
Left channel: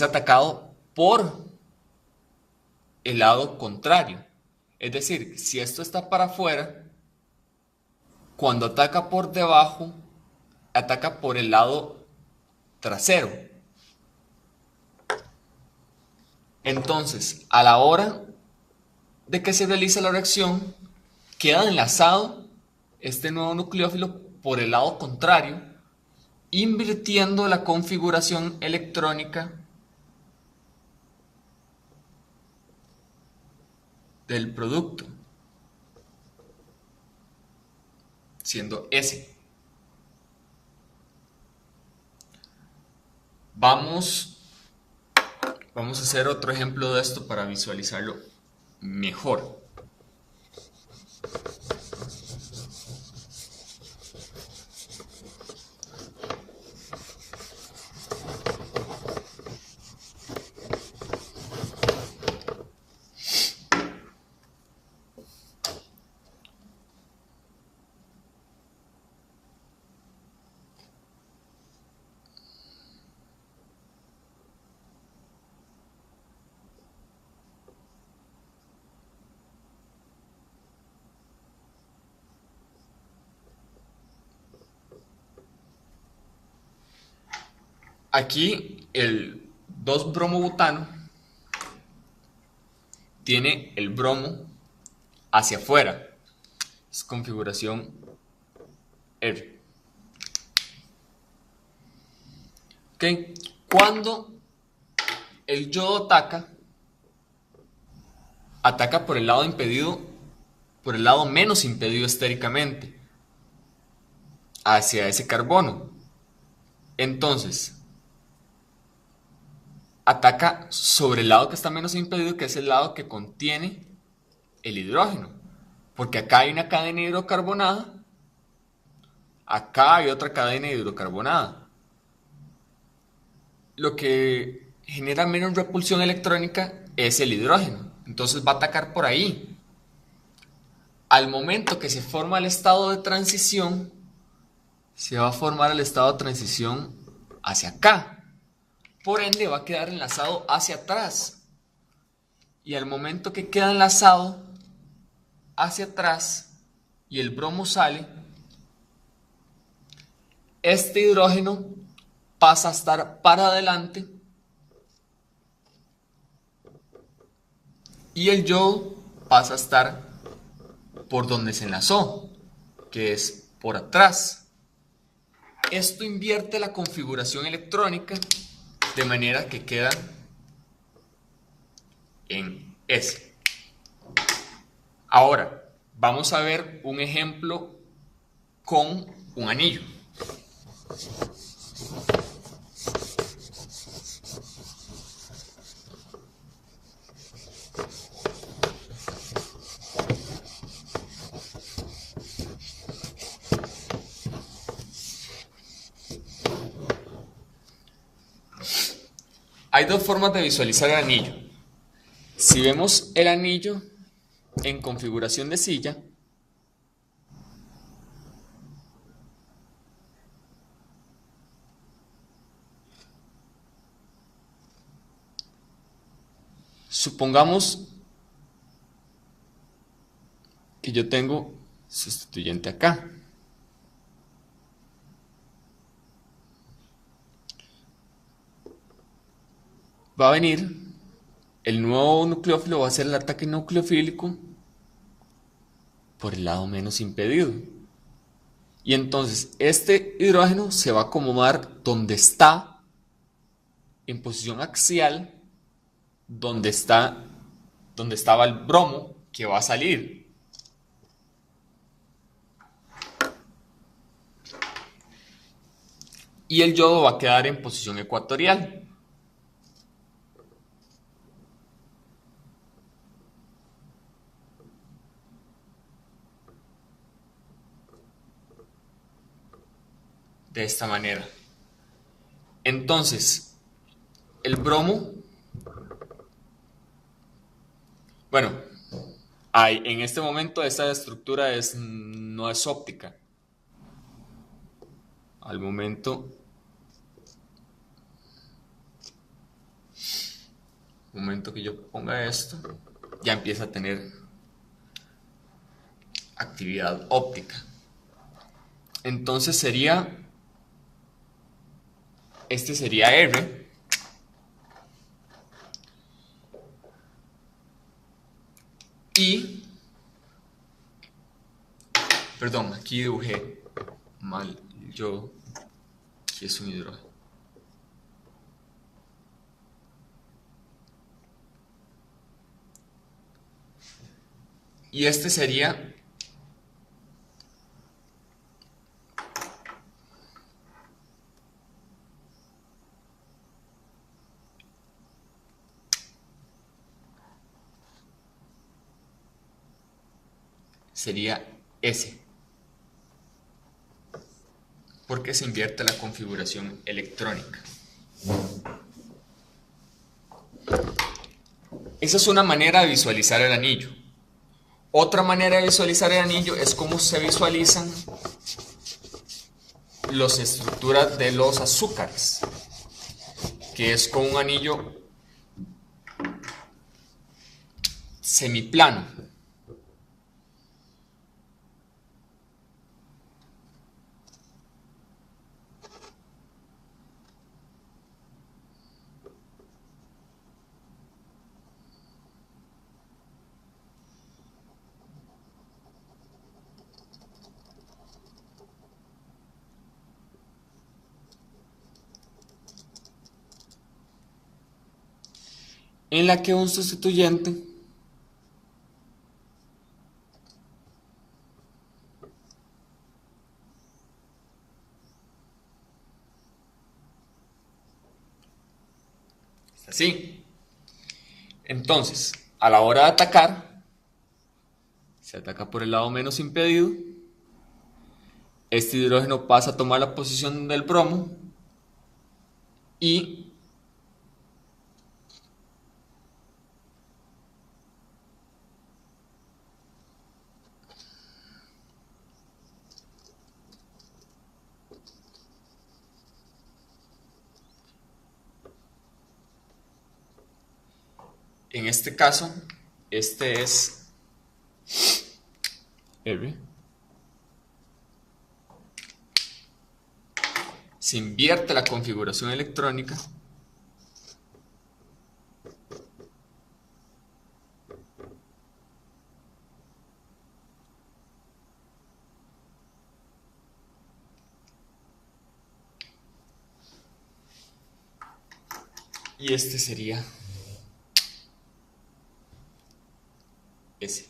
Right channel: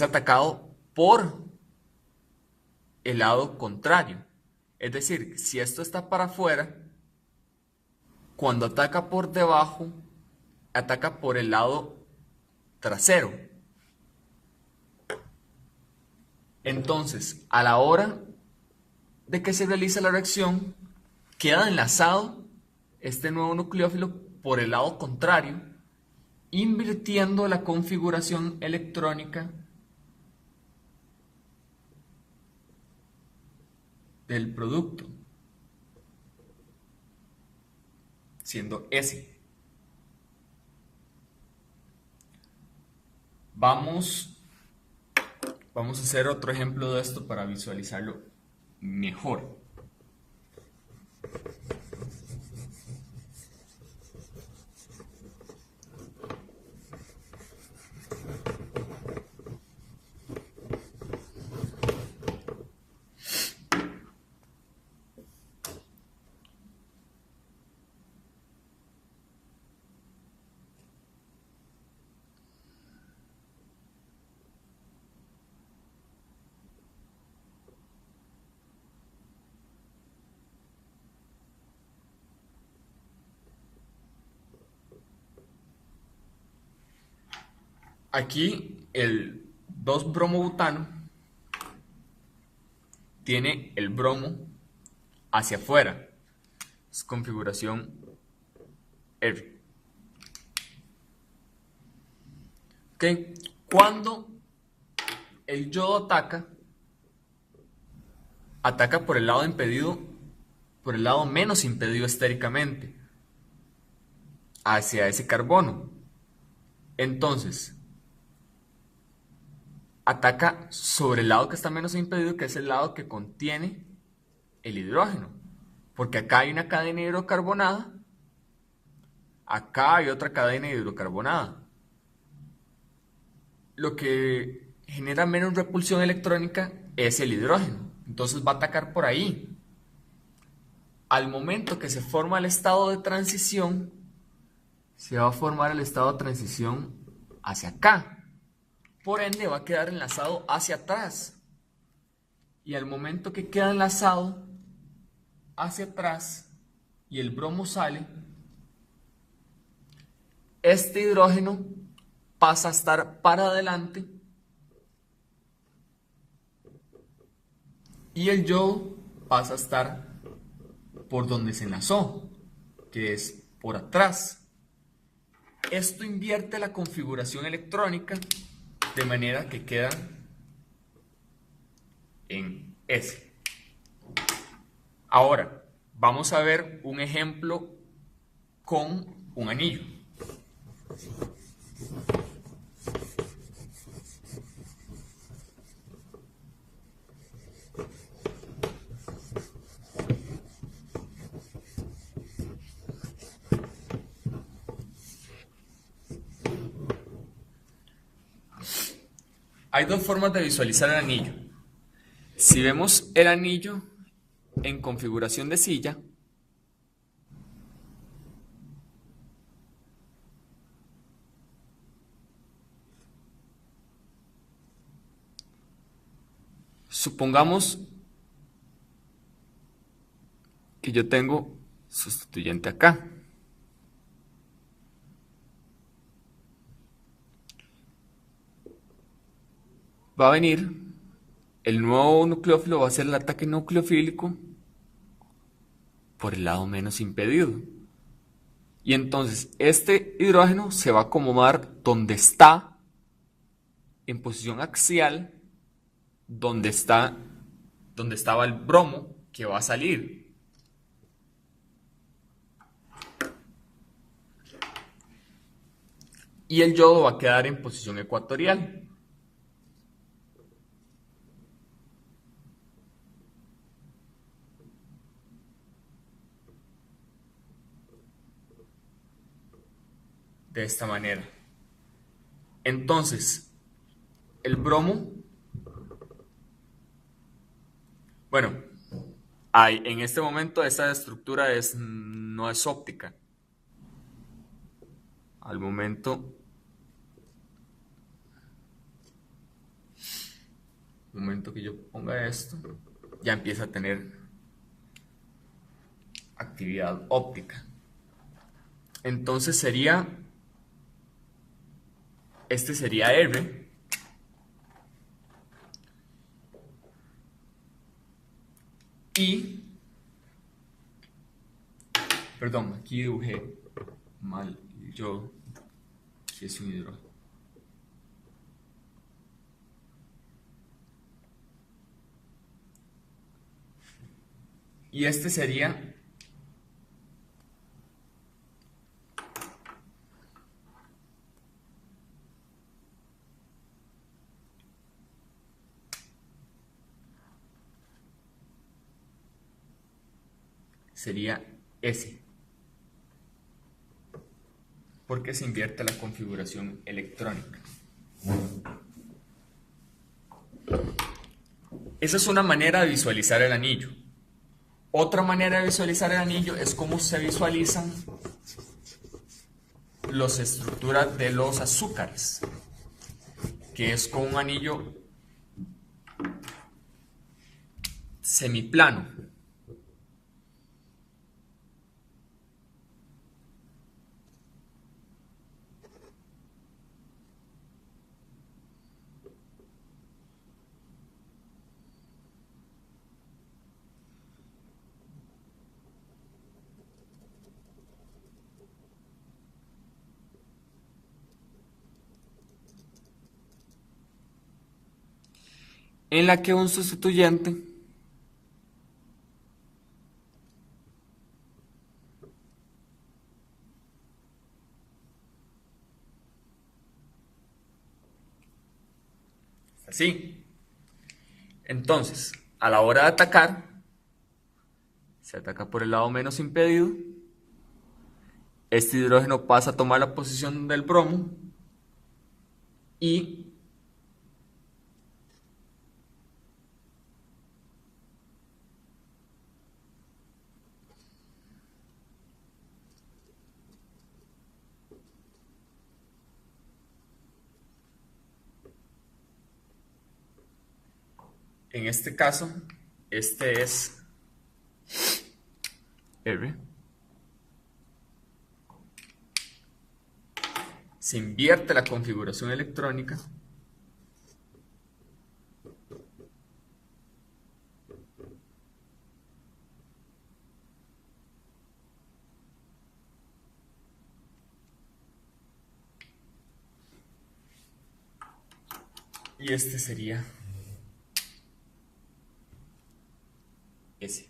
atacado por el lado contrario. Es decir, si esto está para afuera, cuando ataca por debajo, ataca por el lado trasero. Entonces, a la hora de que se realiza la reacción, queda enlazado este nuevo nucleófilo por el lado contrario, invirtiendo la configuración electrónica del producto, siendo S. Vamos a hacer otro ejemplo de esto para visualizarlo mejor. Aquí el 2-bromobutano tiene el bromo hacia afuera, es configuración R. ¿Okay? Cuando el yodo ataca por el lado impedido, por el lado menos impedido estéricamente, hacia ese carbono. Entonces, ataca sobre el lado que está menos impedido, que es el lado que contiene el hidrógeno. Porque acá hay una cadena hidrocarbonada, acá hay otra cadena hidrocarbonada. Lo que genera menos repulsión electrónica es el hidrógeno. Entonces va a atacar por ahí. Al momento que se forma el estado de transición, se va a formar el estado de transición hacia acá. Por ende va a quedar enlazado hacia atrás. Y al momento que queda enlazado hacia atrás y el bromo sale, este hidrógeno pasa a estar para adelante y el yodo pasa a estar por donde se enlazó, que es por atrás. Esto invierte la configuración electrónica de manera que queda en S. Ahora, vamos a ver un ejemplo con un anillo. Hay dos formas de visualizar el anillo. Si vemos el anillo en configuración de silla, supongamos que yo tengo sustituyente acá. Va a venir el nuevo nucleófilo, va a hacer el ataque nucleofílico por el lado menos impedido. Y entonces este hidrógeno se va a acomodar donde está, en posición axial, donde estaba el bromo que va a salir. Y el yodo va a quedar en posición ecuatorial. De esta manera. Entonces, el bromo, bueno, en este momento esta estructura no es óptica. Al momento que yo ponga esto, ya empieza a tener actividad óptica. Entonces este sería R. Y, perdón, aquí dibujé mal, aquí es un hidrógeno. Y este sería S, porque se invierte la configuración electrónica. Esa es una manera de visualizar el anillo. Otra manera de visualizar el anillo es cómo se visualizan las estructuras de los azúcares, que es con un anillo semiplano. En la que un sustituyente Así. Entonces, a la hora de atacar, se ataca por el lado menos impedido. Este hidrógeno pasa a tomar la posición del bromo y en este caso, este es R. Se invierte la configuración electrónica y este sería S.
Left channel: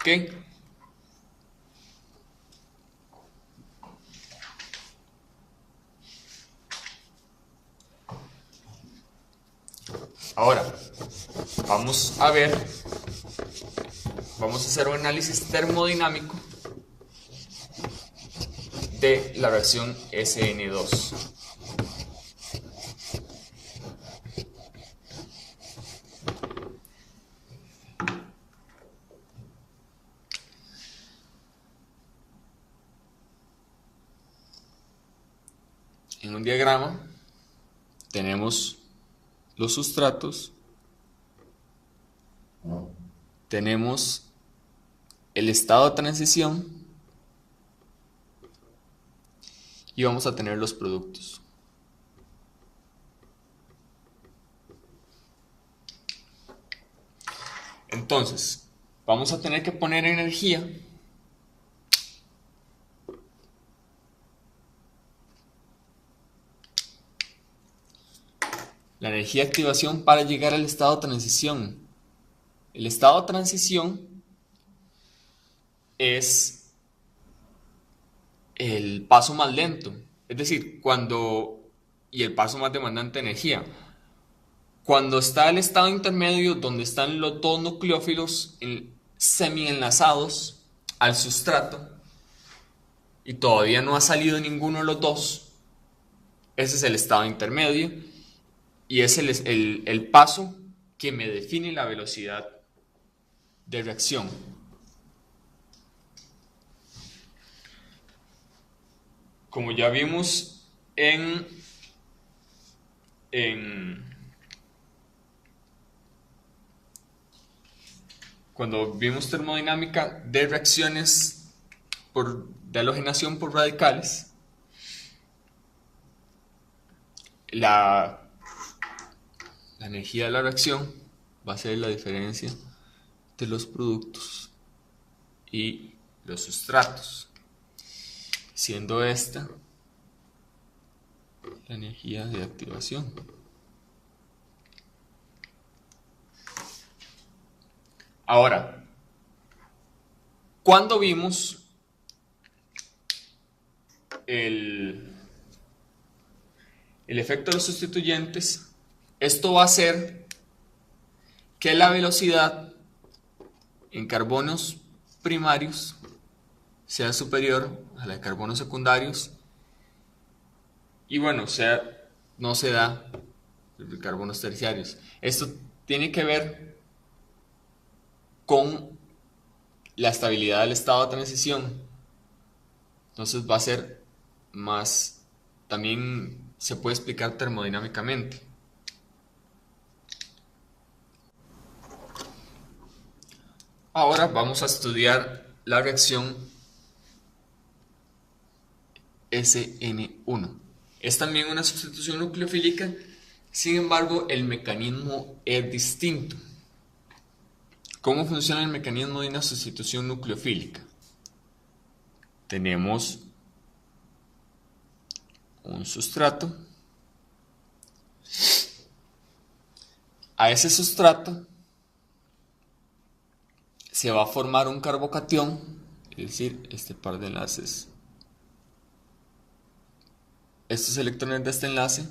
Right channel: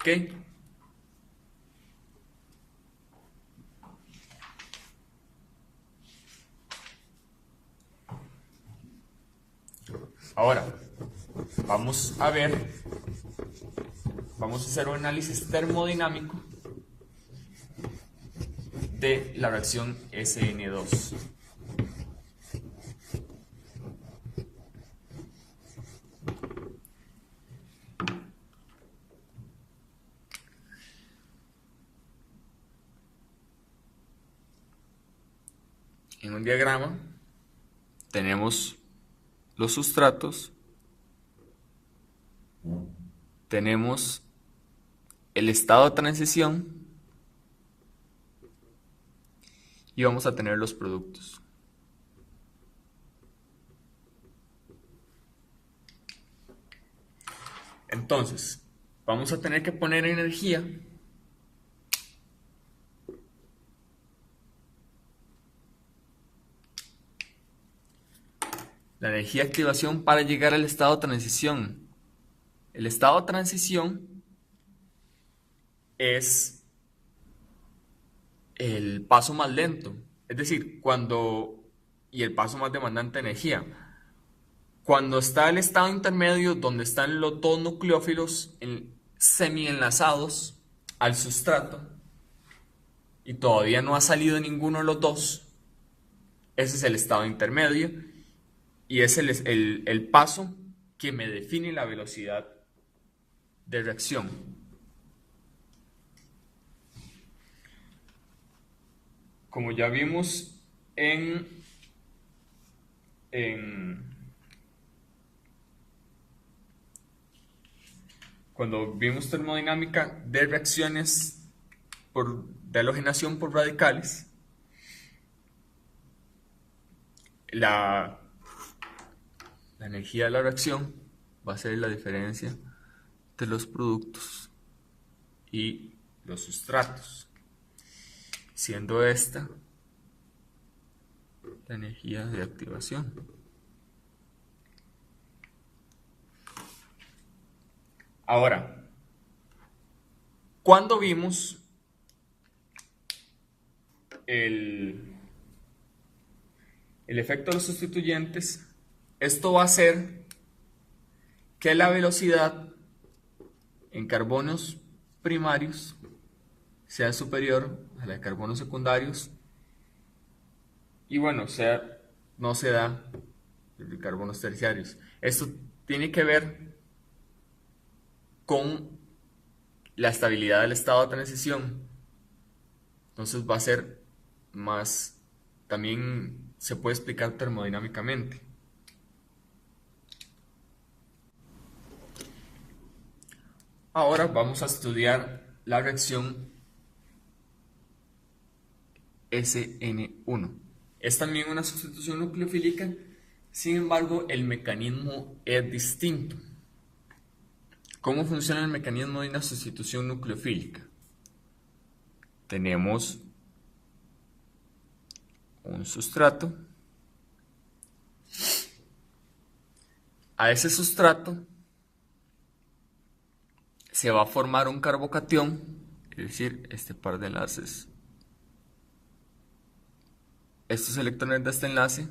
¿Ok? Ahora, vamos a ver, vamos a hacer un análisis termodinámico de la reacción SN2. En un diagrama tenemos los sustratos, tenemos el estado de transición y vamos a tener los productos. Entonces, vamos a tener que poner energía la energía de activación para llegar al estado de transición. El estado de transición es el paso más lento, es decir, y el paso más demandante de energía. Cuando está el estado intermedio, donde están los dos nucleófilos semi-enlazados al sustrato y todavía no ha salido ninguno de los dos, ese es el estado intermedio y es el paso que me define la velocidad de reacción. Como ya vimos cuando vimos termodinámica de reacciones de halogenación por radicales, la energía de la reacción va a ser la diferencia de los productos y los sustratos, siendo esta la energía de activación. Ahora, cuando vimos el efecto de los sustituyentes, esto va a hacer que la velocidad en carbonos primarios sea superior a la de carbonos secundarios y bueno, no se da de carbonos terciarios. Esto tiene que ver con la estabilidad del estado de transición. Entonces va a ser más, también se puede explicar termodinámicamente. Ahora vamos a estudiar la reacción SN1. Es también una sustitución nucleofílica, sin embargo el mecanismo es distinto. ¿Cómo funciona el mecanismo de una sustitución nucleofílica? Tenemos un sustrato. A ese sustrato se va a formar un carbocatión, es decir, este par de enlaces Estos electrones de este enlace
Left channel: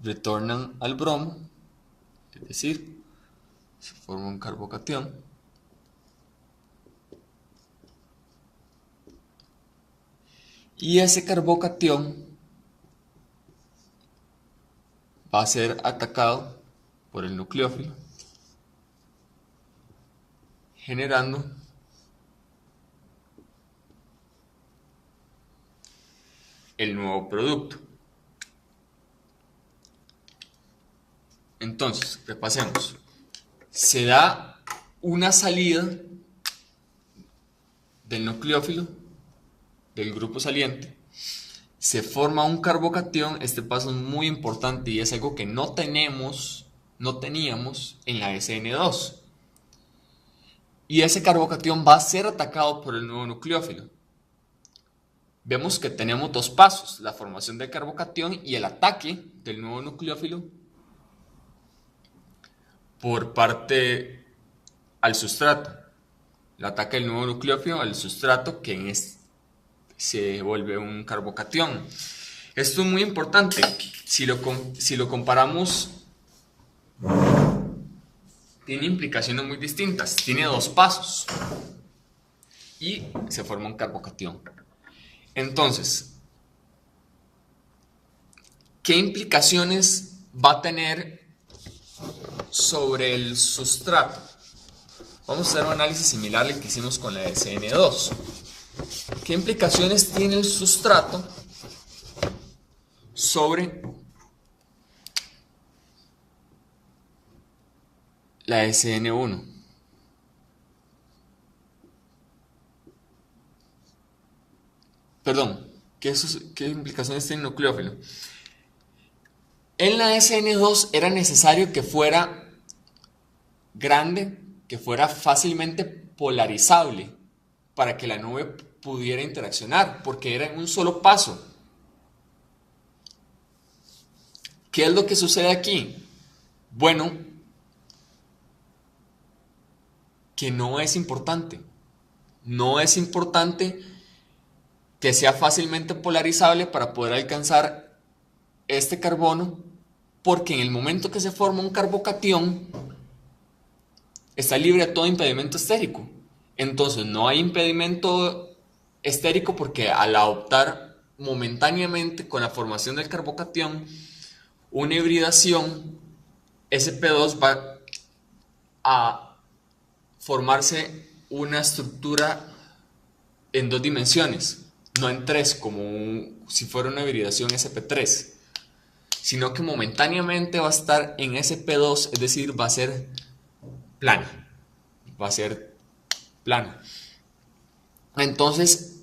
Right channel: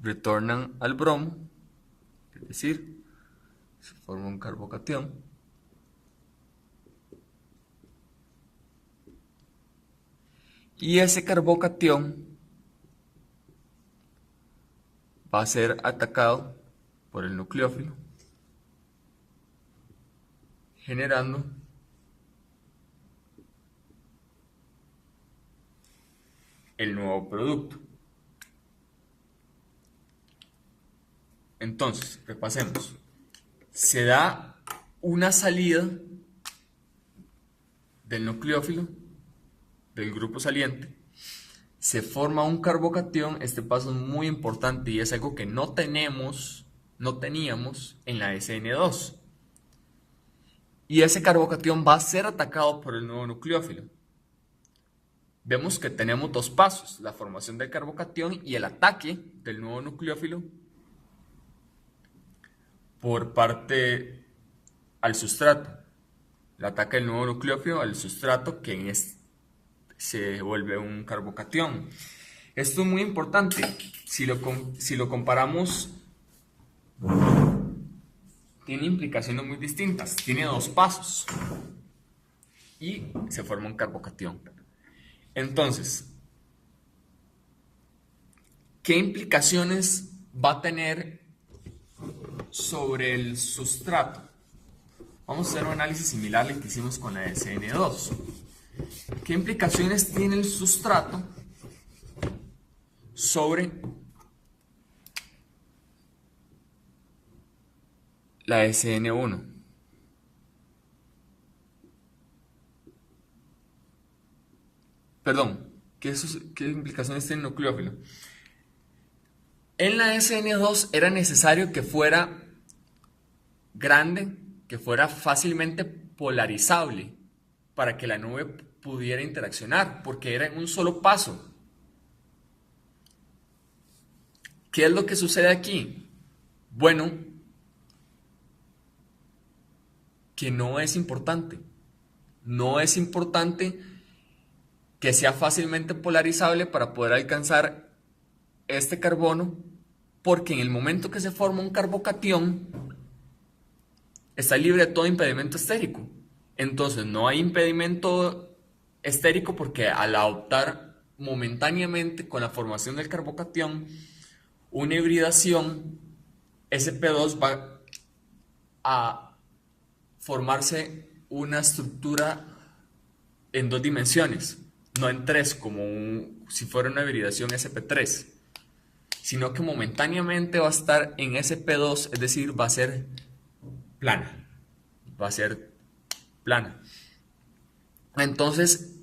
retornan al bromo, es decir, se forma un carbocatión. Y ese carbocatión va a ser atacado por el nucleófilo, generando el nuevo producto. Entonces, repasemos. Se da una salida del nucleófilo, del grupo saliente, se forma un carbocatión. Este paso es muy importante y es algo que no teníamos en la SN2. Y ese carbocatión va a ser atacado por el nuevo nucleófilo. Vemos que tenemos dos pasos: la formación del carbocatión y el ataque del nuevo nucleófilo por parte al sustrato. El ataque del nuevo nucleófilo al sustrato, que se vuelve un carbocatión. Esto es muy importante. Si lo comparamos, tiene implicaciones muy distintas. Tiene dos pasos y se forma un carbocatión. Entonces, ¿qué implicaciones va a tener sobre el sustrato? Vamos a hacer un análisis similar al que hicimos con la SN2. ¿Qué implicaciones tiene el sustrato sobre la SN1? Perdón, ¿qué implicaciones tiene el nucleófilo? En la SN2 era necesario que fuera grande, que fuera fácilmente polarizable para que la nube pudiera interaccionar, porque era en un solo paso. ¿Qué es lo que sucede aquí? Bueno, que no es importante. No es importante que sea fácilmente polarizable para poder alcanzar este carbono, porque en el momento que se forma un carbocatión, está libre de todo impedimento estérico. Entonces no hay impedimento estérico porque al adoptar momentáneamente con la formación del carbocatión una hibridación, sp2 va a formarse una estructura en dos dimensiones, no en tres como si fuera una hibridación sp3, sino que momentáneamente va a estar en sp2, es decir, va a ser plana. Entonces,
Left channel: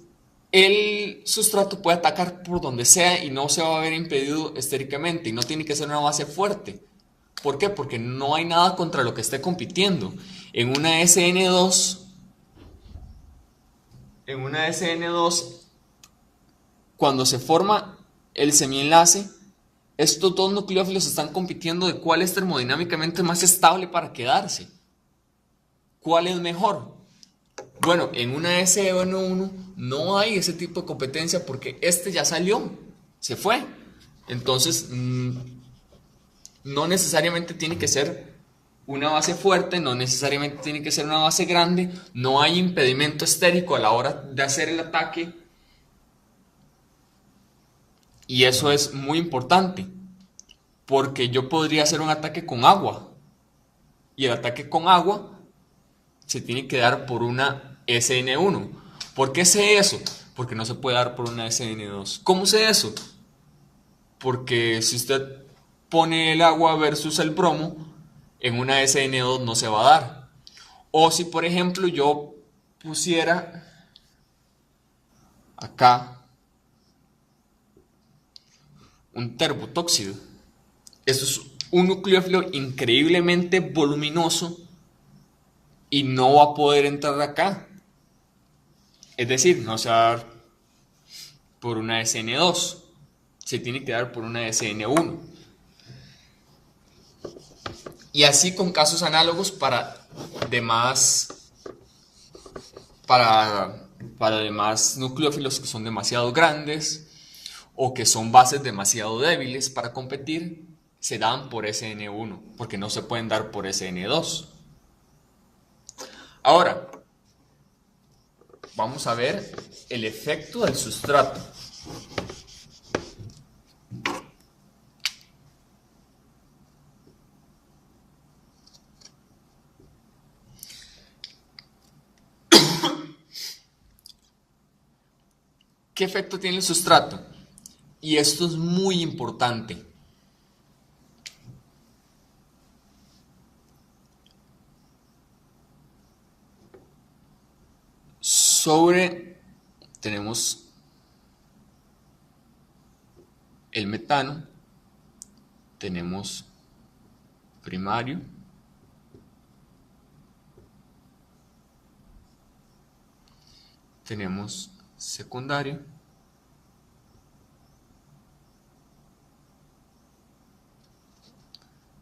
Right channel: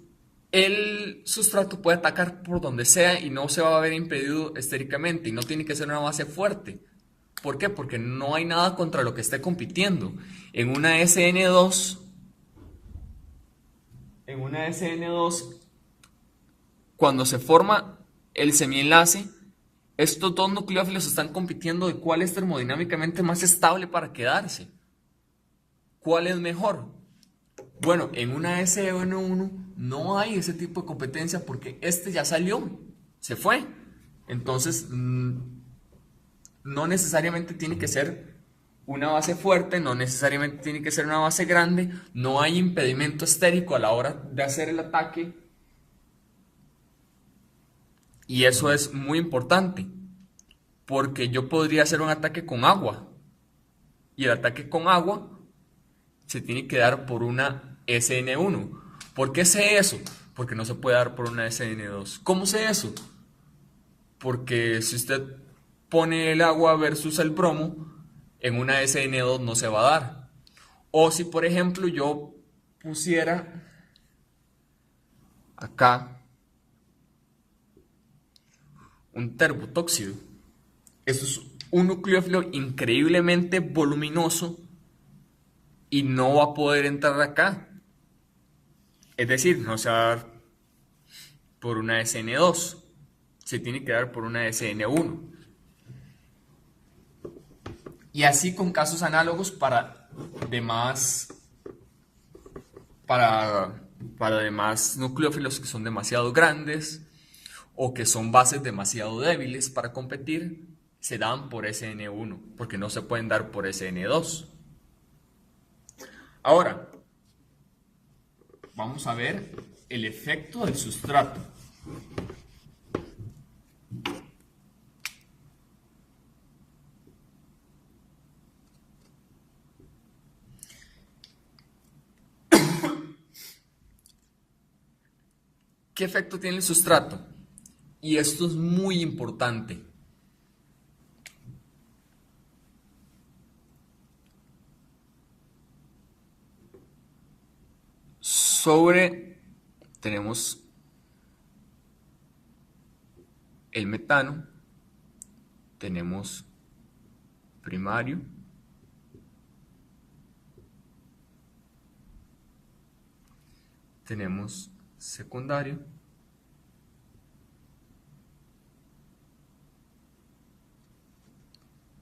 el sustrato puede atacar por donde sea y no se va a ver impedido estéricamente, y no tiene que ser una base fuerte. ¿Por qué? Porque no hay nada contra lo que esté compitiendo. En una SN2, cuando se forma el semienlace, estos dos nucleófilos están compitiendo de cuál es termodinámicamente más estable para quedarse. ¿Cuál es mejor? Bueno, en una SN1 no hay ese tipo de competencia porque este ya salió, se fue. Entonces, no necesariamente tiene que ser una base fuerte, no necesariamente tiene que ser una base grande, no hay impedimento estérico a la hora de hacer el ataque. Y eso es muy importante, porque yo podría hacer un ataque con agua, y el ataque con agua se tiene que dar por una SN1. ¿Por qué sé eso? Porque no se puede dar por una SN2. ¿Cómo sé eso? Porque si usted pone el agua versus el bromo, en una SN2 no se va a dar. O si por ejemplo yo pusiera acá un terbotóxido. Esto es un nucleófilo increíblemente voluminoso y no va a poder entrar acá. Es decir, no se va a dar por una SN2, se tiene que dar por una SN1. Y así con casos análogos para demás nucleófilos que son demasiado grandes, o que son bases demasiado débiles para competir, se dan por SN1, porque no se pueden dar por SN2. Ahora, vamos a ver el efecto del sustrato. ¿Qué efecto tiene el sustrato? Y esto es muy importante. Tenemos el metano, tenemos primario, tenemos secundario,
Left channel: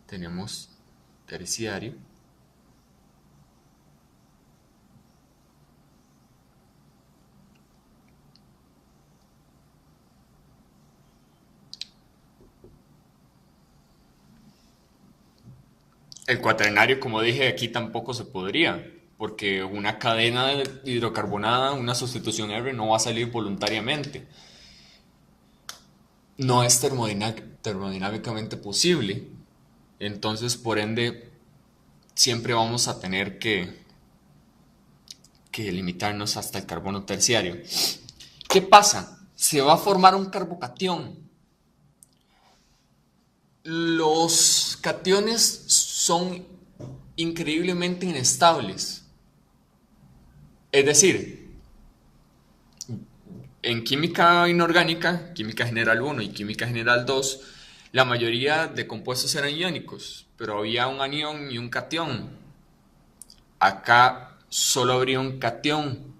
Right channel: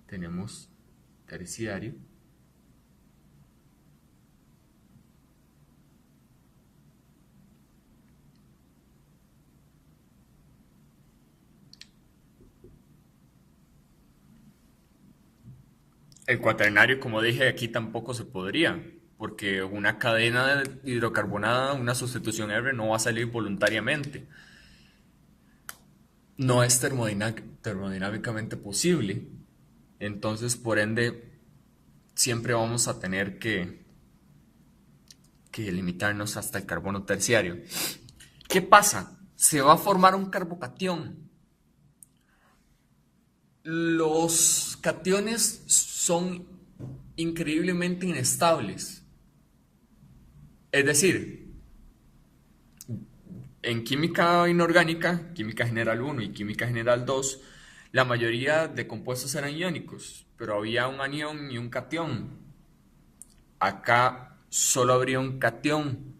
tenemos terciario, el cuaternario, como dije, aquí tampoco se podría, porque una cadena hidrocarbonada, una sustitución R, no va a salir voluntariamente. No es termodinámicamente posible. Entonces, por ende, siempre vamos a tener que limitarnos hasta el carbono terciario. ¿Qué pasa? Se va a formar un carbocatión. Los cationes son increíblemente inestables. Es decir, en química inorgánica, química general 1 y química general 2, la mayoría de compuestos eran iónicos, pero había un anión y un catión. Acá solo habría un catión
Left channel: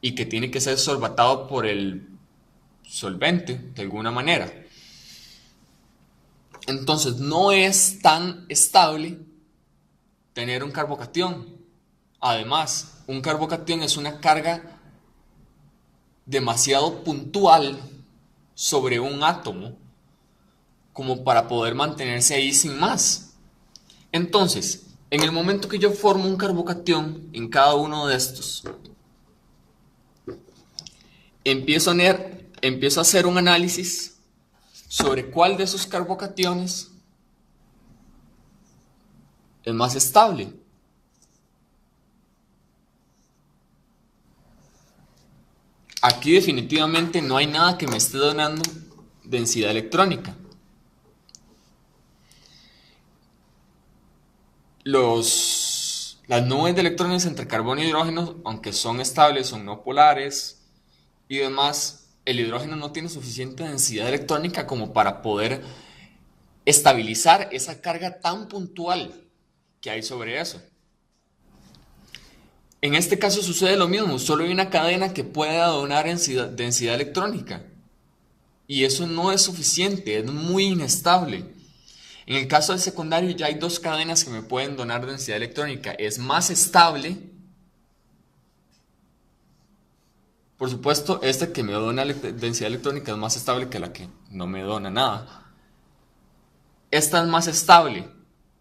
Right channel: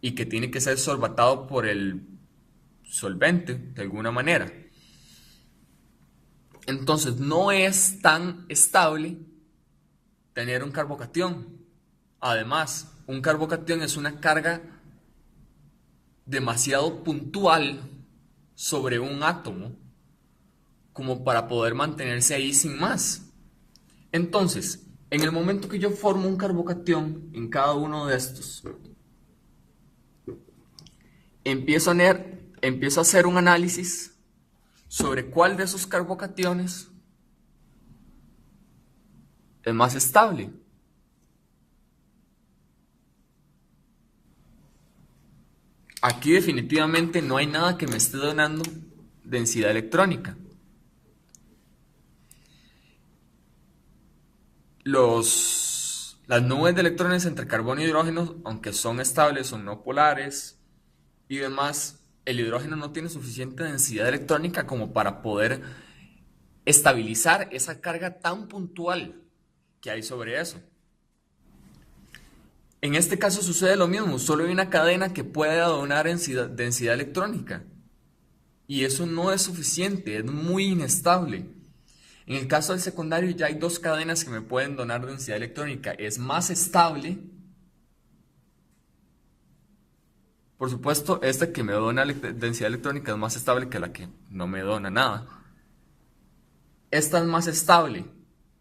y que tiene que ser solvatado por el solvente de alguna manera. Entonces no es tan estable tener un carbocatión. Además, un carbocatión es una carga demasiado puntual sobre un átomo como para poder mantenerse ahí sin más. Entonces, en el momento que yo formo un carbocatión en cada uno de estos, empiezo a hacer un análisis sobre cuál de esos carbocationes es más estable. Aquí definitivamente no hay nada que me esté donando densidad electrónica. Las nubes de electrones entre carbono y hidrógeno, aunque son estables, son no polares y demás, el hidrógeno no tiene suficiente densidad electrónica como para poder estabilizar esa carga tan puntual que hay sobre eso. En este caso sucede lo mismo, solo hay una cadena que pueda donar densidad electrónica y eso no es suficiente, es muy inestable. En el caso del secundario ya hay dos cadenas que me pueden donar densidad electrónica, es más estable. Por supuesto, esta que me dona densidad electrónica es más estable que la que no me dona nada. Esta es más estable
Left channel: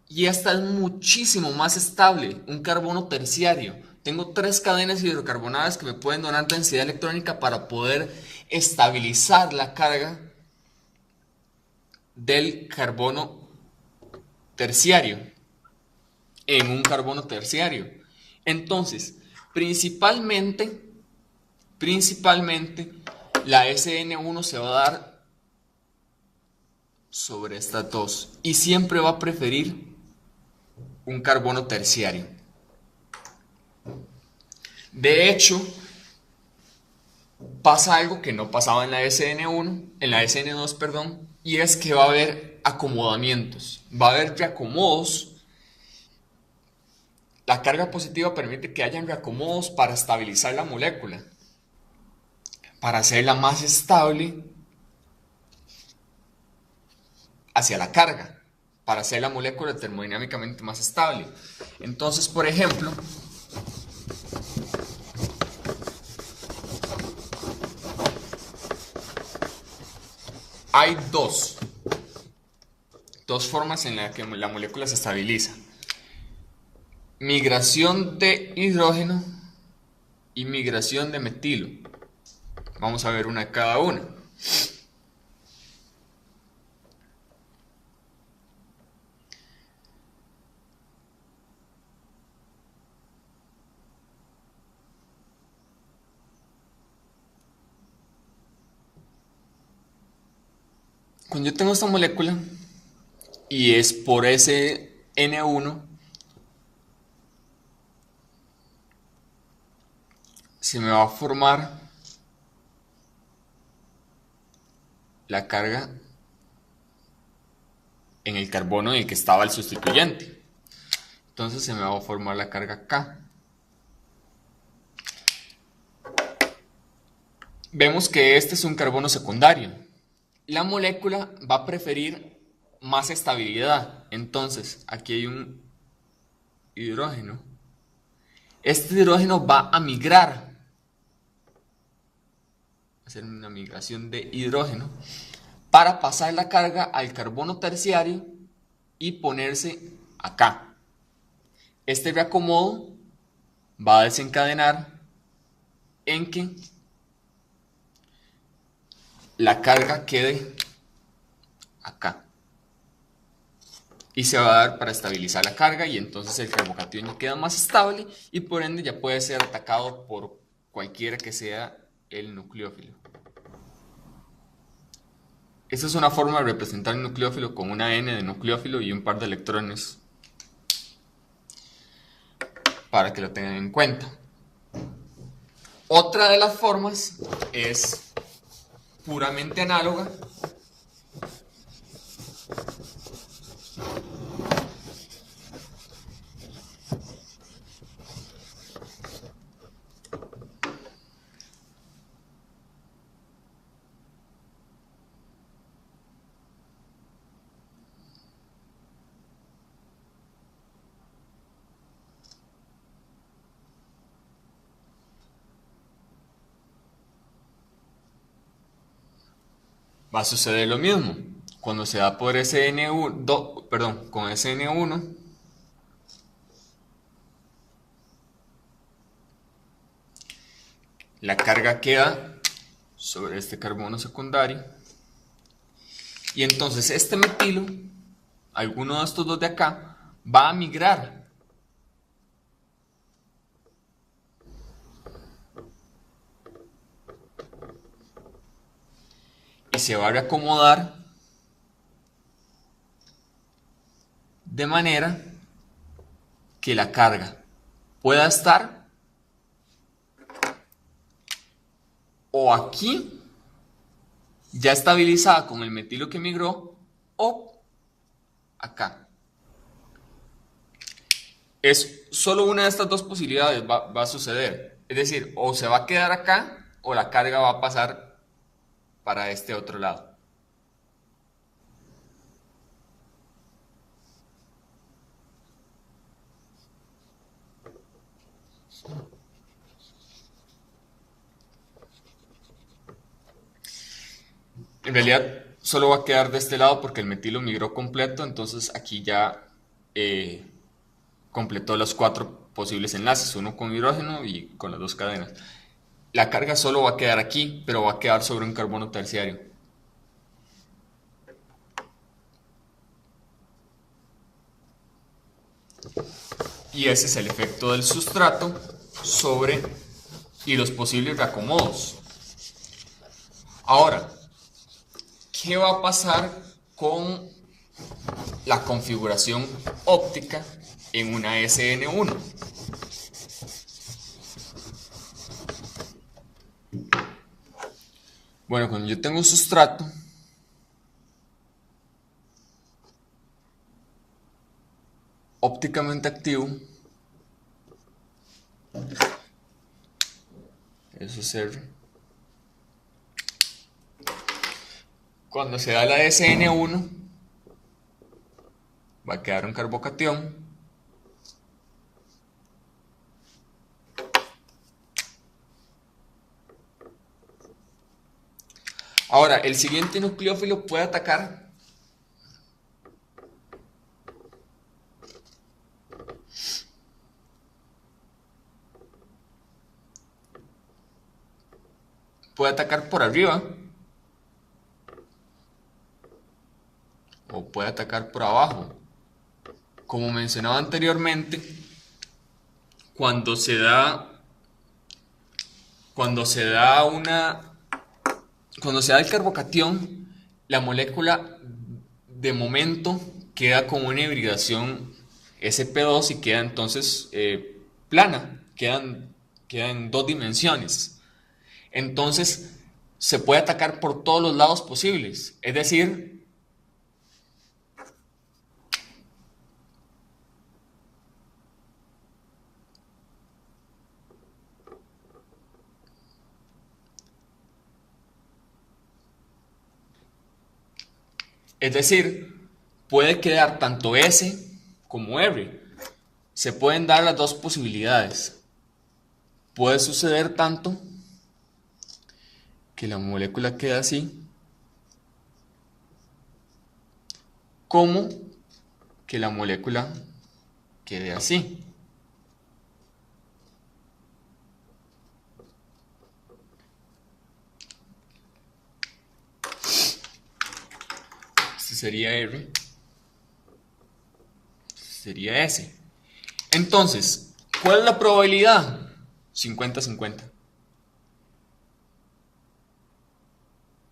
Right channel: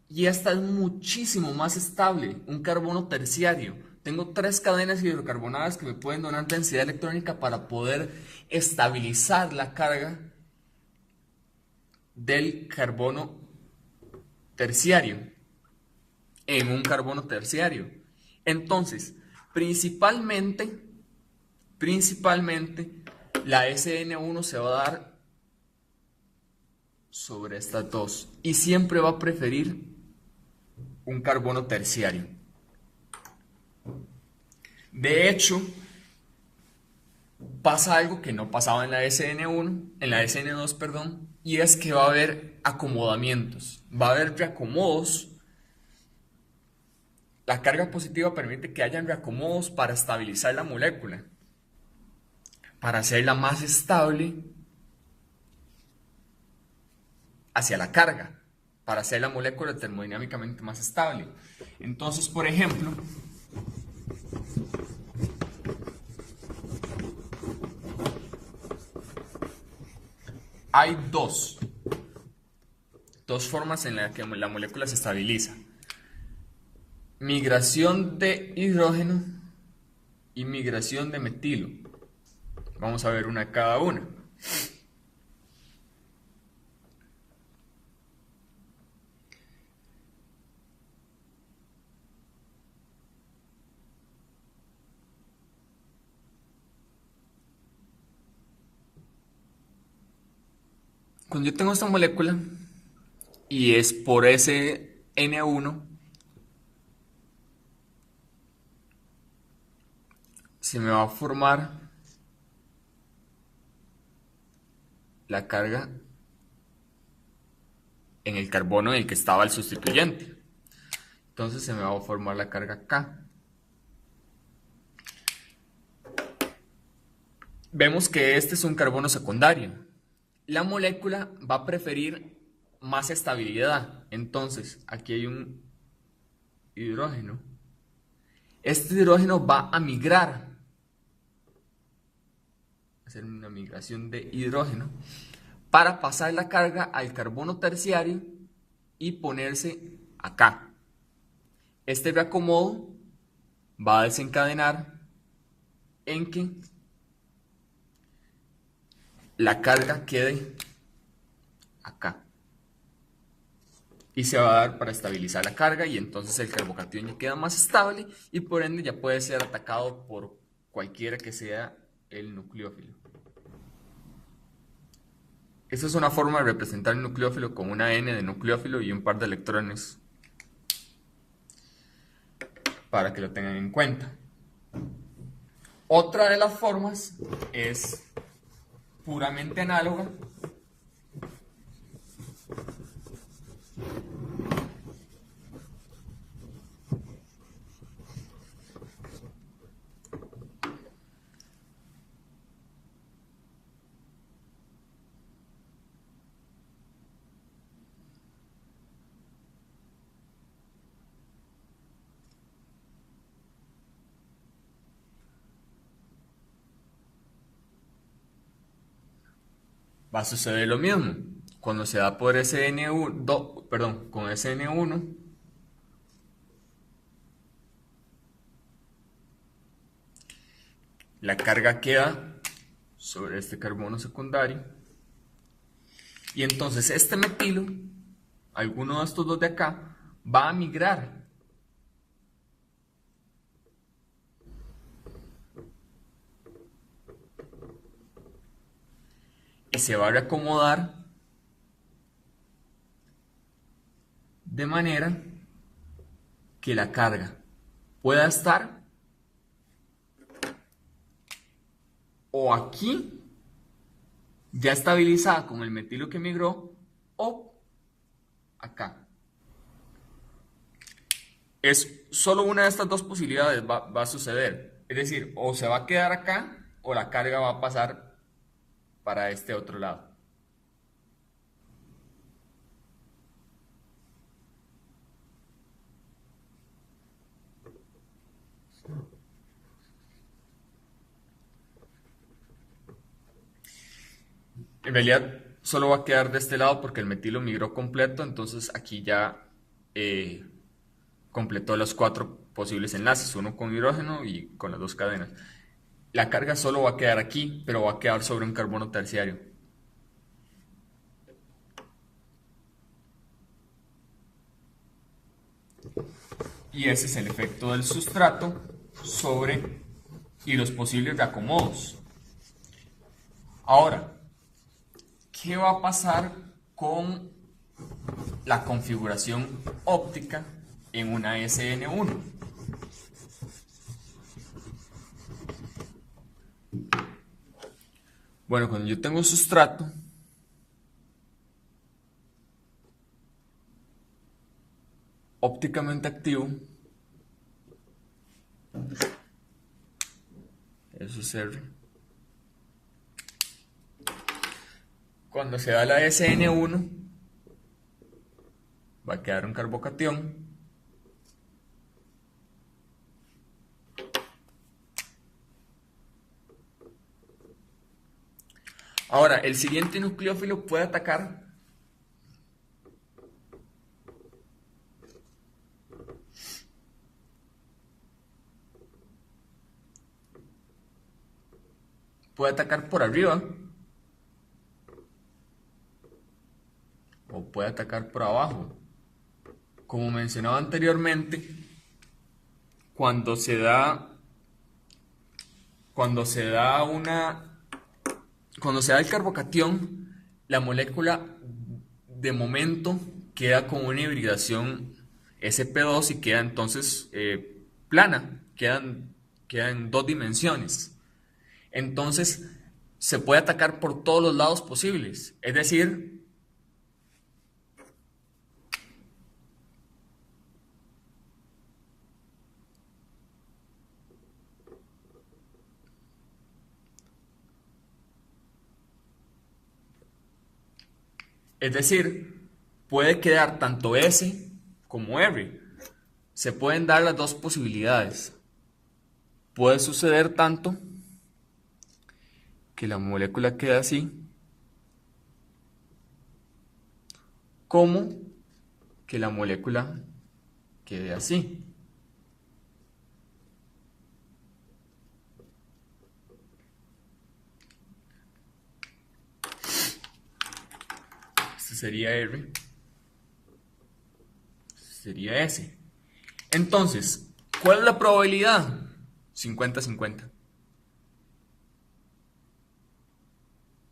y esta es muchísimo más estable, un carbono terciario. Tengo tres cadenas hidrocarbonadas que me pueden donar densidad electrónica para poder estabilizar la carga del carbono terciario en un carbono terciario. Entonces, principalmente la SN1 se va a dar sobre estas dos y siempre va a preferir un carbono terciario. De hecho, pasa algo que no pasaba en la SN2, perdón, y es que va a haber acomodamientos, va a haber reacomodos. La carga positiva permite que hayan reacomodos para estabilizar la molécula, para hacerla más estable hacia la carga, para hacer la molécula termodinámicamente más estable. Entonces, por ejemplo, hay dos formas en las que la molécula se estabiliza. Migración de hidrógeno y migración de metilo. Vamos a ver una de cada una. Cuando yo tengo esta molécula y es por ese N1, se me va a formar la carga en el carbono en el que estaba el sustituyente. Entonces se me va a formar la carga K. Vemos que este es un carbono secundario. La molécula va a preferir más estabilidad. Entonces, aquí hay un hidrógeno. Este hidrógeno va a migrar. Va a hacer una migración de hidrógeno para pasar la carga al carbono terciario y ponerse acá. Este reacomodo va a desencadenar en que la carga quede acá y se va a dar para estabilizar la carga, y entonces el carbocatión ya queda más estable y por ende ya puede ser atacado por cualquiera que sea el nucleófilo. Esta es una forma de representar el nucleófilo con una N de nucleófilo y un par de electrones para que lo tengan en cuenta. Otra de las formas es puramente análoga, va a suceder lo mismo. Cuando se da por SN1, con SN1, la carga queda sobre este carbono secundario y entonces este metilo, alguno de estos dos de acá, va a migrar y se va a reacomodar de manera que la carga pueda estar o aquí ya estabilizada con el metilo que migró o acá. Es solo una de estas dos posibilidades va a suceder. Es decir, o se va a quedar acá o la carga va a pasar para este otro lado. En realidad solo va a quedar de este lado porque el metilo migró completo, entonces aquí ya completó los 4 posibles enlaces, uno con hidrógeno y con las 2 cadenas. La carga solo va a quedar aquí, pero va a quedar sobre un carbono terciario. Y ese es el efecto del sustrato sobre y los posibles reacomodos. Ahora, ¿qué va a pasar con la configuración óptica en una SN1? Bueno, cuando yo tengo un sustrato, ópticamente activo, eso es R. Cuando se da la SN1, va a quedar un carbocatión. Ahora, el siguiente nucleófilo puede atacar por arriba o puede atacar por abajo. Como mencionaba anteriormente, cuando se da cuando se da una cuando se da el carbocatión, la molécula de momento queda con una hibridación sp2 y queda entonces plana, queda en dos dimensiones. Entonces se puede atacar por todos los lados posibles. Es decir, puede quedar tanto S como R. Se pueden dar las dos posibilidades. Puede suceder tanto que la molécula quede así, como que la molécula quede así. Este sería R, este sería S. Entonces, ¿cuál es la probabilidad? 50-50.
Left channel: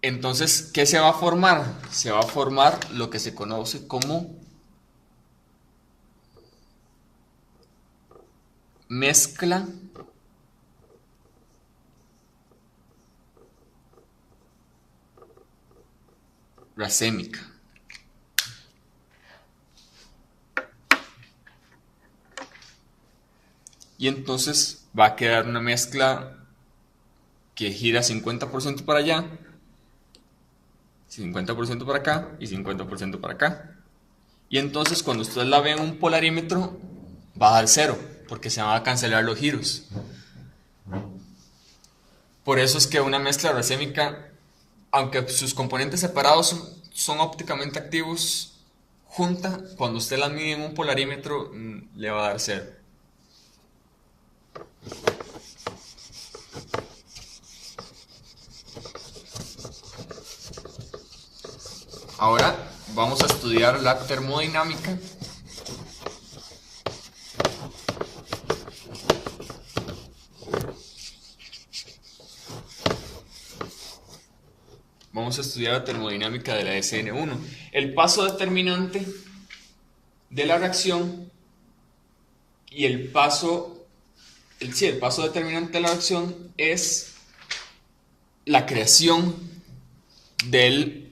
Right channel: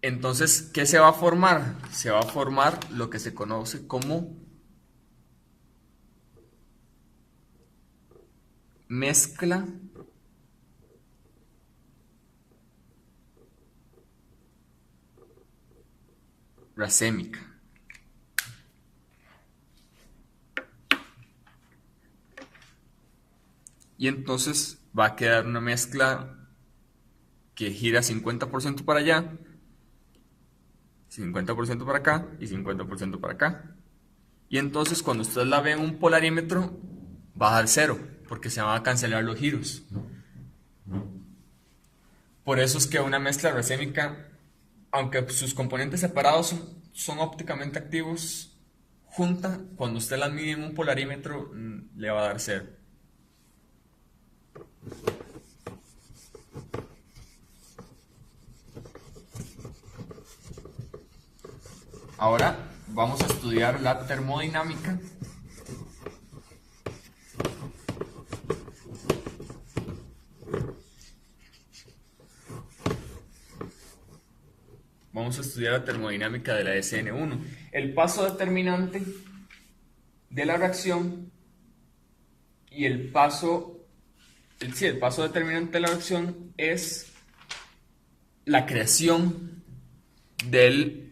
Entonces, ¿qué se va a formar? Se va a formar lo que se conoce como mezcla racémica. Y entonces va a quedar una mezcla que gira 50% para allá, 50% para acá y 50% para acá. Y entonces cuando ustedes la ven en un polarímetro, va a dar cero, porque se van a cancelar los giros. Por eso es que una mezcla racémica, aunque sus componentes separados son ópticamente activos, junta, cuando usted la mide en un polarímetro, le va a dar cero. Ahora vamos a estudiar la termodinámica. Vamos a estudiar la termodinámica de la SN1. El paso determinante de la reacción y el paso determinante de la reacción es la creación del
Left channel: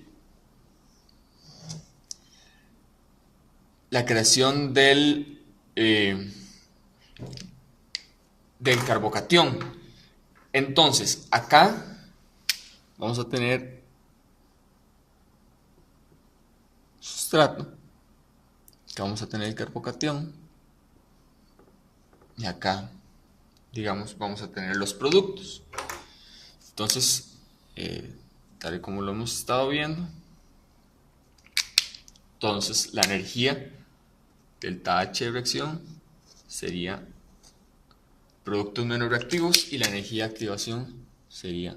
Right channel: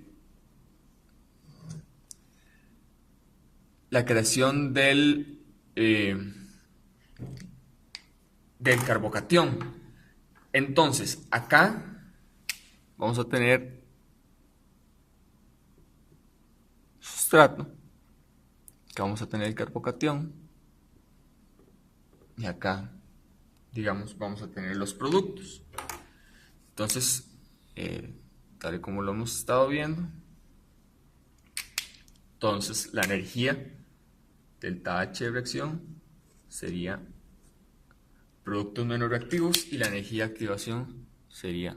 del carbocatión. Entonces, acá vamos a tener sustrato, acá vamos a tener el carbocatión y acá, digamos, vamos a tener los productos. Entonces, tal y como lo hemos estado viendo, entonces la energía delta H de reacción sería productos menos reactivos y la energía de activación sería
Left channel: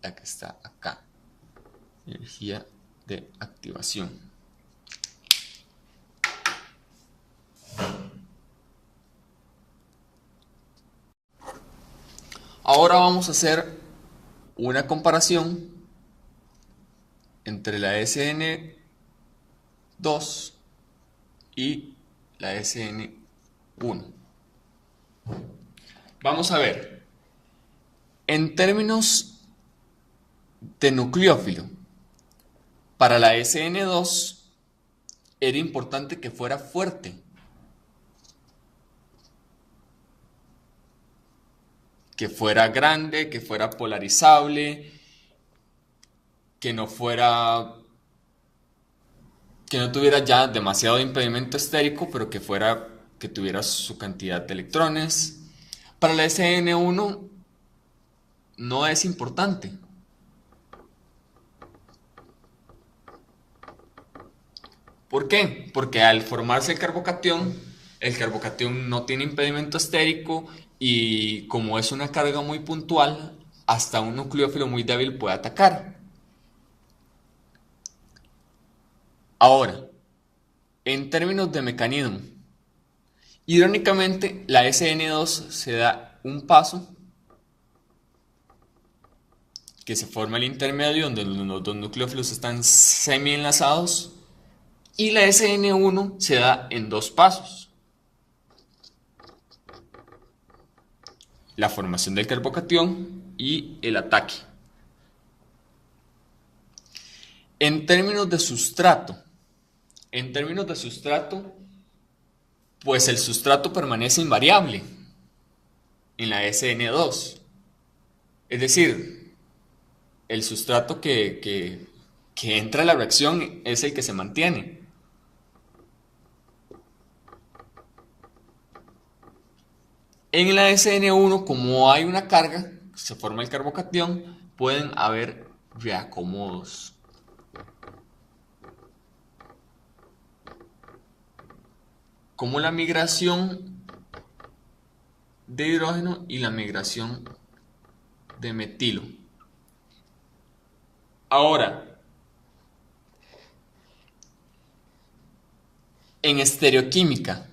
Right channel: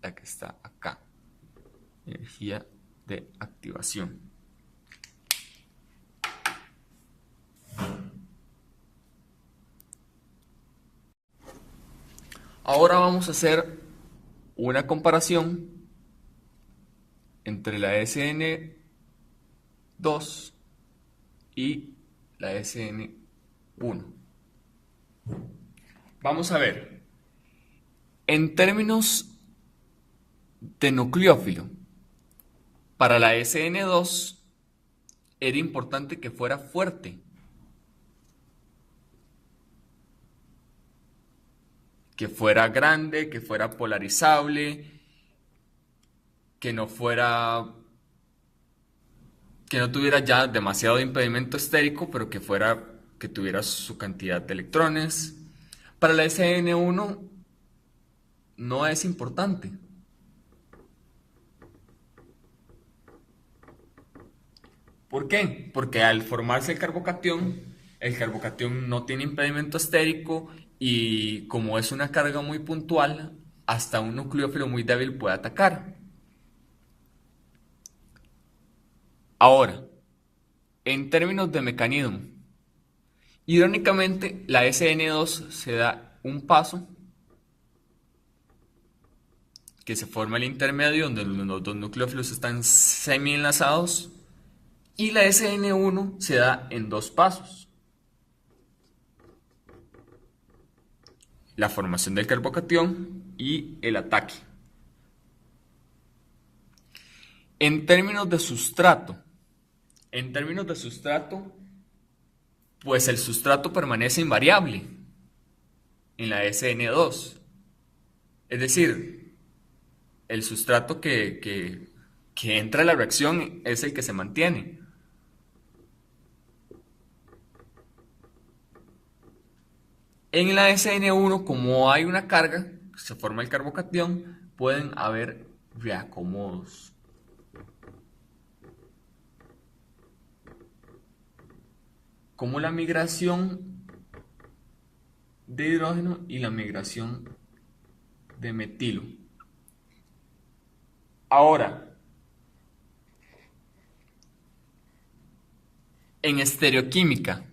la que está acá, energía de activación. Ahora vamos a hacer una comparación entre la SN2 y la SN1. Vamos a ver, en términos de nucleófilo, para la SN2 era importante que fuera fuerte, que fuera grande, que fuera polarizable, que no tuviera ya demasiado impedimento estérico, pero que tuviera su cantidad de electrones. Para la SN1 no es importante. ¿Por qué? Porque al formarse el carbocatión no tiene impedimento estérico y como es una carga muy puntual, hasta un nucleófilo muy débil puede atacar. Ahora, en términos de mecanismo, irónicamente la SN2 se da un paso que se forma el intermedio donde los dos nucleófilos están semi enlazados y la SN1 se da en dos pasos. La formación del carbocatión y el ataque. En términos de sustrato, pues el sustrato permanece invariable en la SN2. Es decir, el sustrato que entra a la reacción es el que se mantiene. En la SN1, como hay una carga, se forma el carbocatión, pueden haber reacomodos. Como la migración de hidrógeno y la migración de metilo. Ahora, en estereoquímica,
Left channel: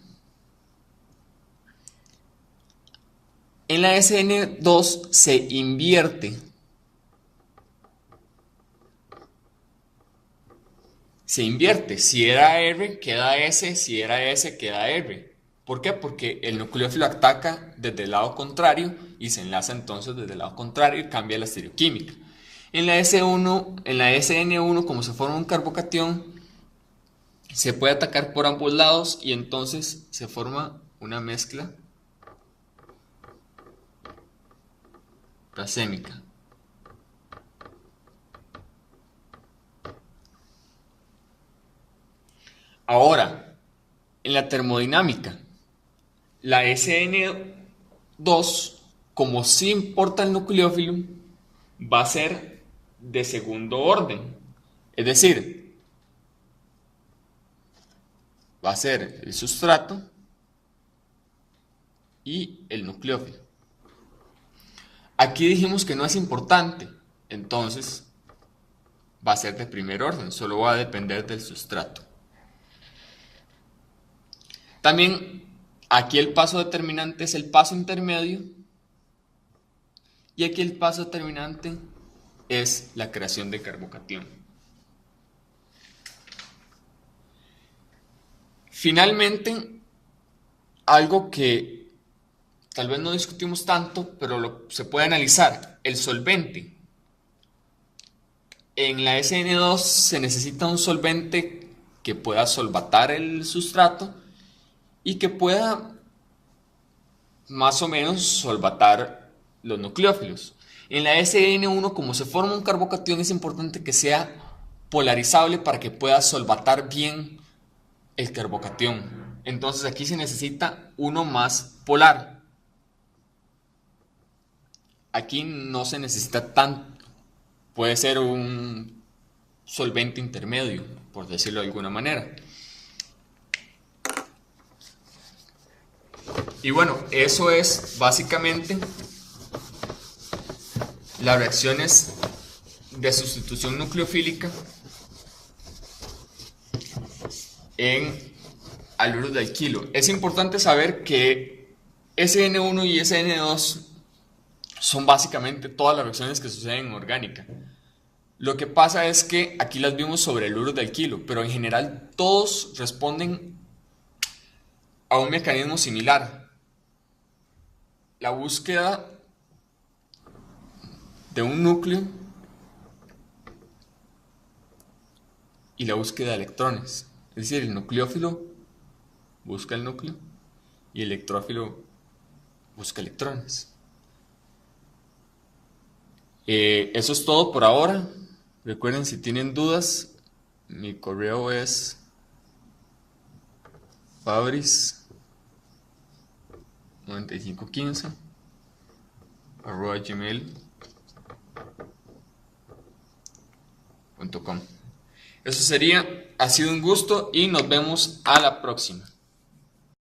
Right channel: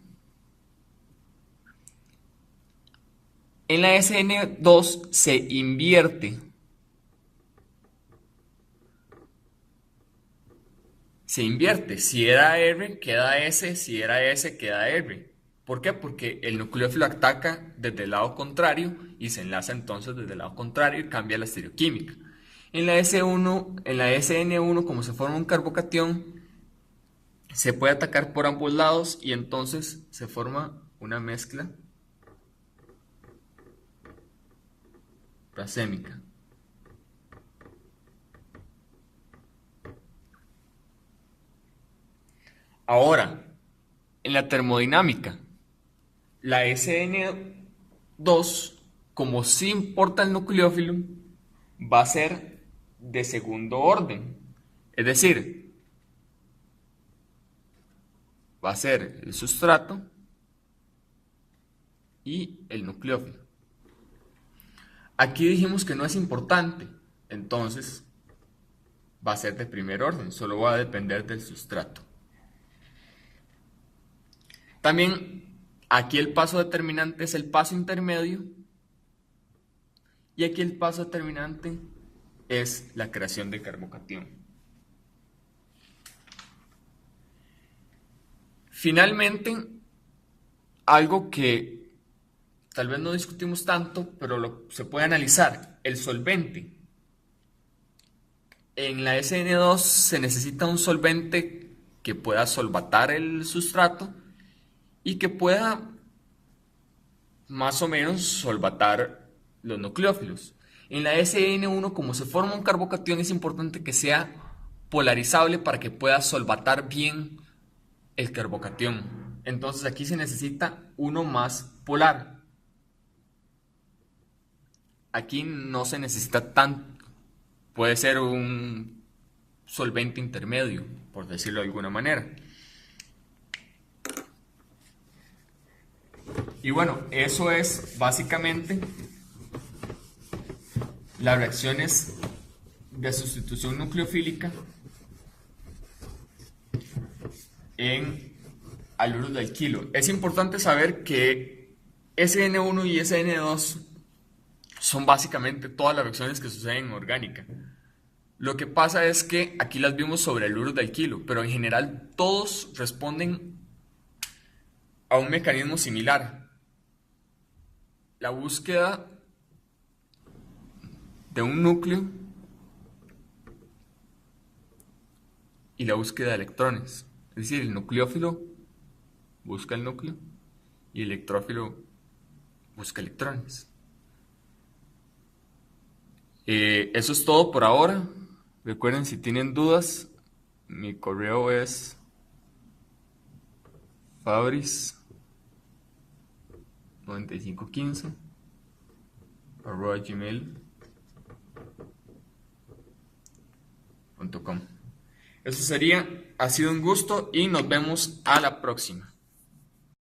en la SN2 se invierte. Si era R, queda S, si era S, queda R. ¿Por qué? Porque el nucleófilo ataca desde el lado contrario y se enlaza entonces desde el lado contrario y cambia la estereoquímica. En la SN1, como se forma un carbocatión, se puede atacar por ambos lados y entonces se forma una mezcla racémica. Ahora, en la termodinámica, la SN2, como sí importa el nucleófilo, va a ser de segundo orden. Es decir, va a ser el sustrato y el nucleófilo. Aquí dijimos que no es importante, entonces va a ser de primer orden, solo va a depender del sustrato. También aquí el paso determinante es el paso intermedio y aquí el paso determinante es la creación de carbocatión. Finalmente, algo que tal vez no discutimos tanto, pero se puede analizar, el solvente. En la SN2 se necesita un solvente que pueda solvatar el sustrato y que pueda más o menos solvatar los nucleófilos. En la SN1, como se forma un carbocatión, es importante que sea polarizable para que pueda solvatar bien el carbocatión. Entonces aquí se necesita uno más polar. Aquí no se necesita tanto. Puede ser un solvente intermedio, por decirlo de alguna manera. Y bueno, eso es básicamente las reacciones de sustitución nucleofílica en haluro de alquilo. Es importante saber que SN1 y SN2 son básicamente todas las reacciones que suceden en orgánica. Lo que pasa es que aquí las vimos sobre el haluro de alquilo, pero en general todos responden a un mecanismo similar. La búsqueda de un núcleo y la búsqueda de electrones. Es decir, el nucleófilo busca el núcleo y el electrófilo busca electrones. Eso es todo por ahora. Recuerden, si tienen dudas, mi correo es fabris9515@gmail.com. Eso sería, ha sido un gusto y nos vemos a la próxima.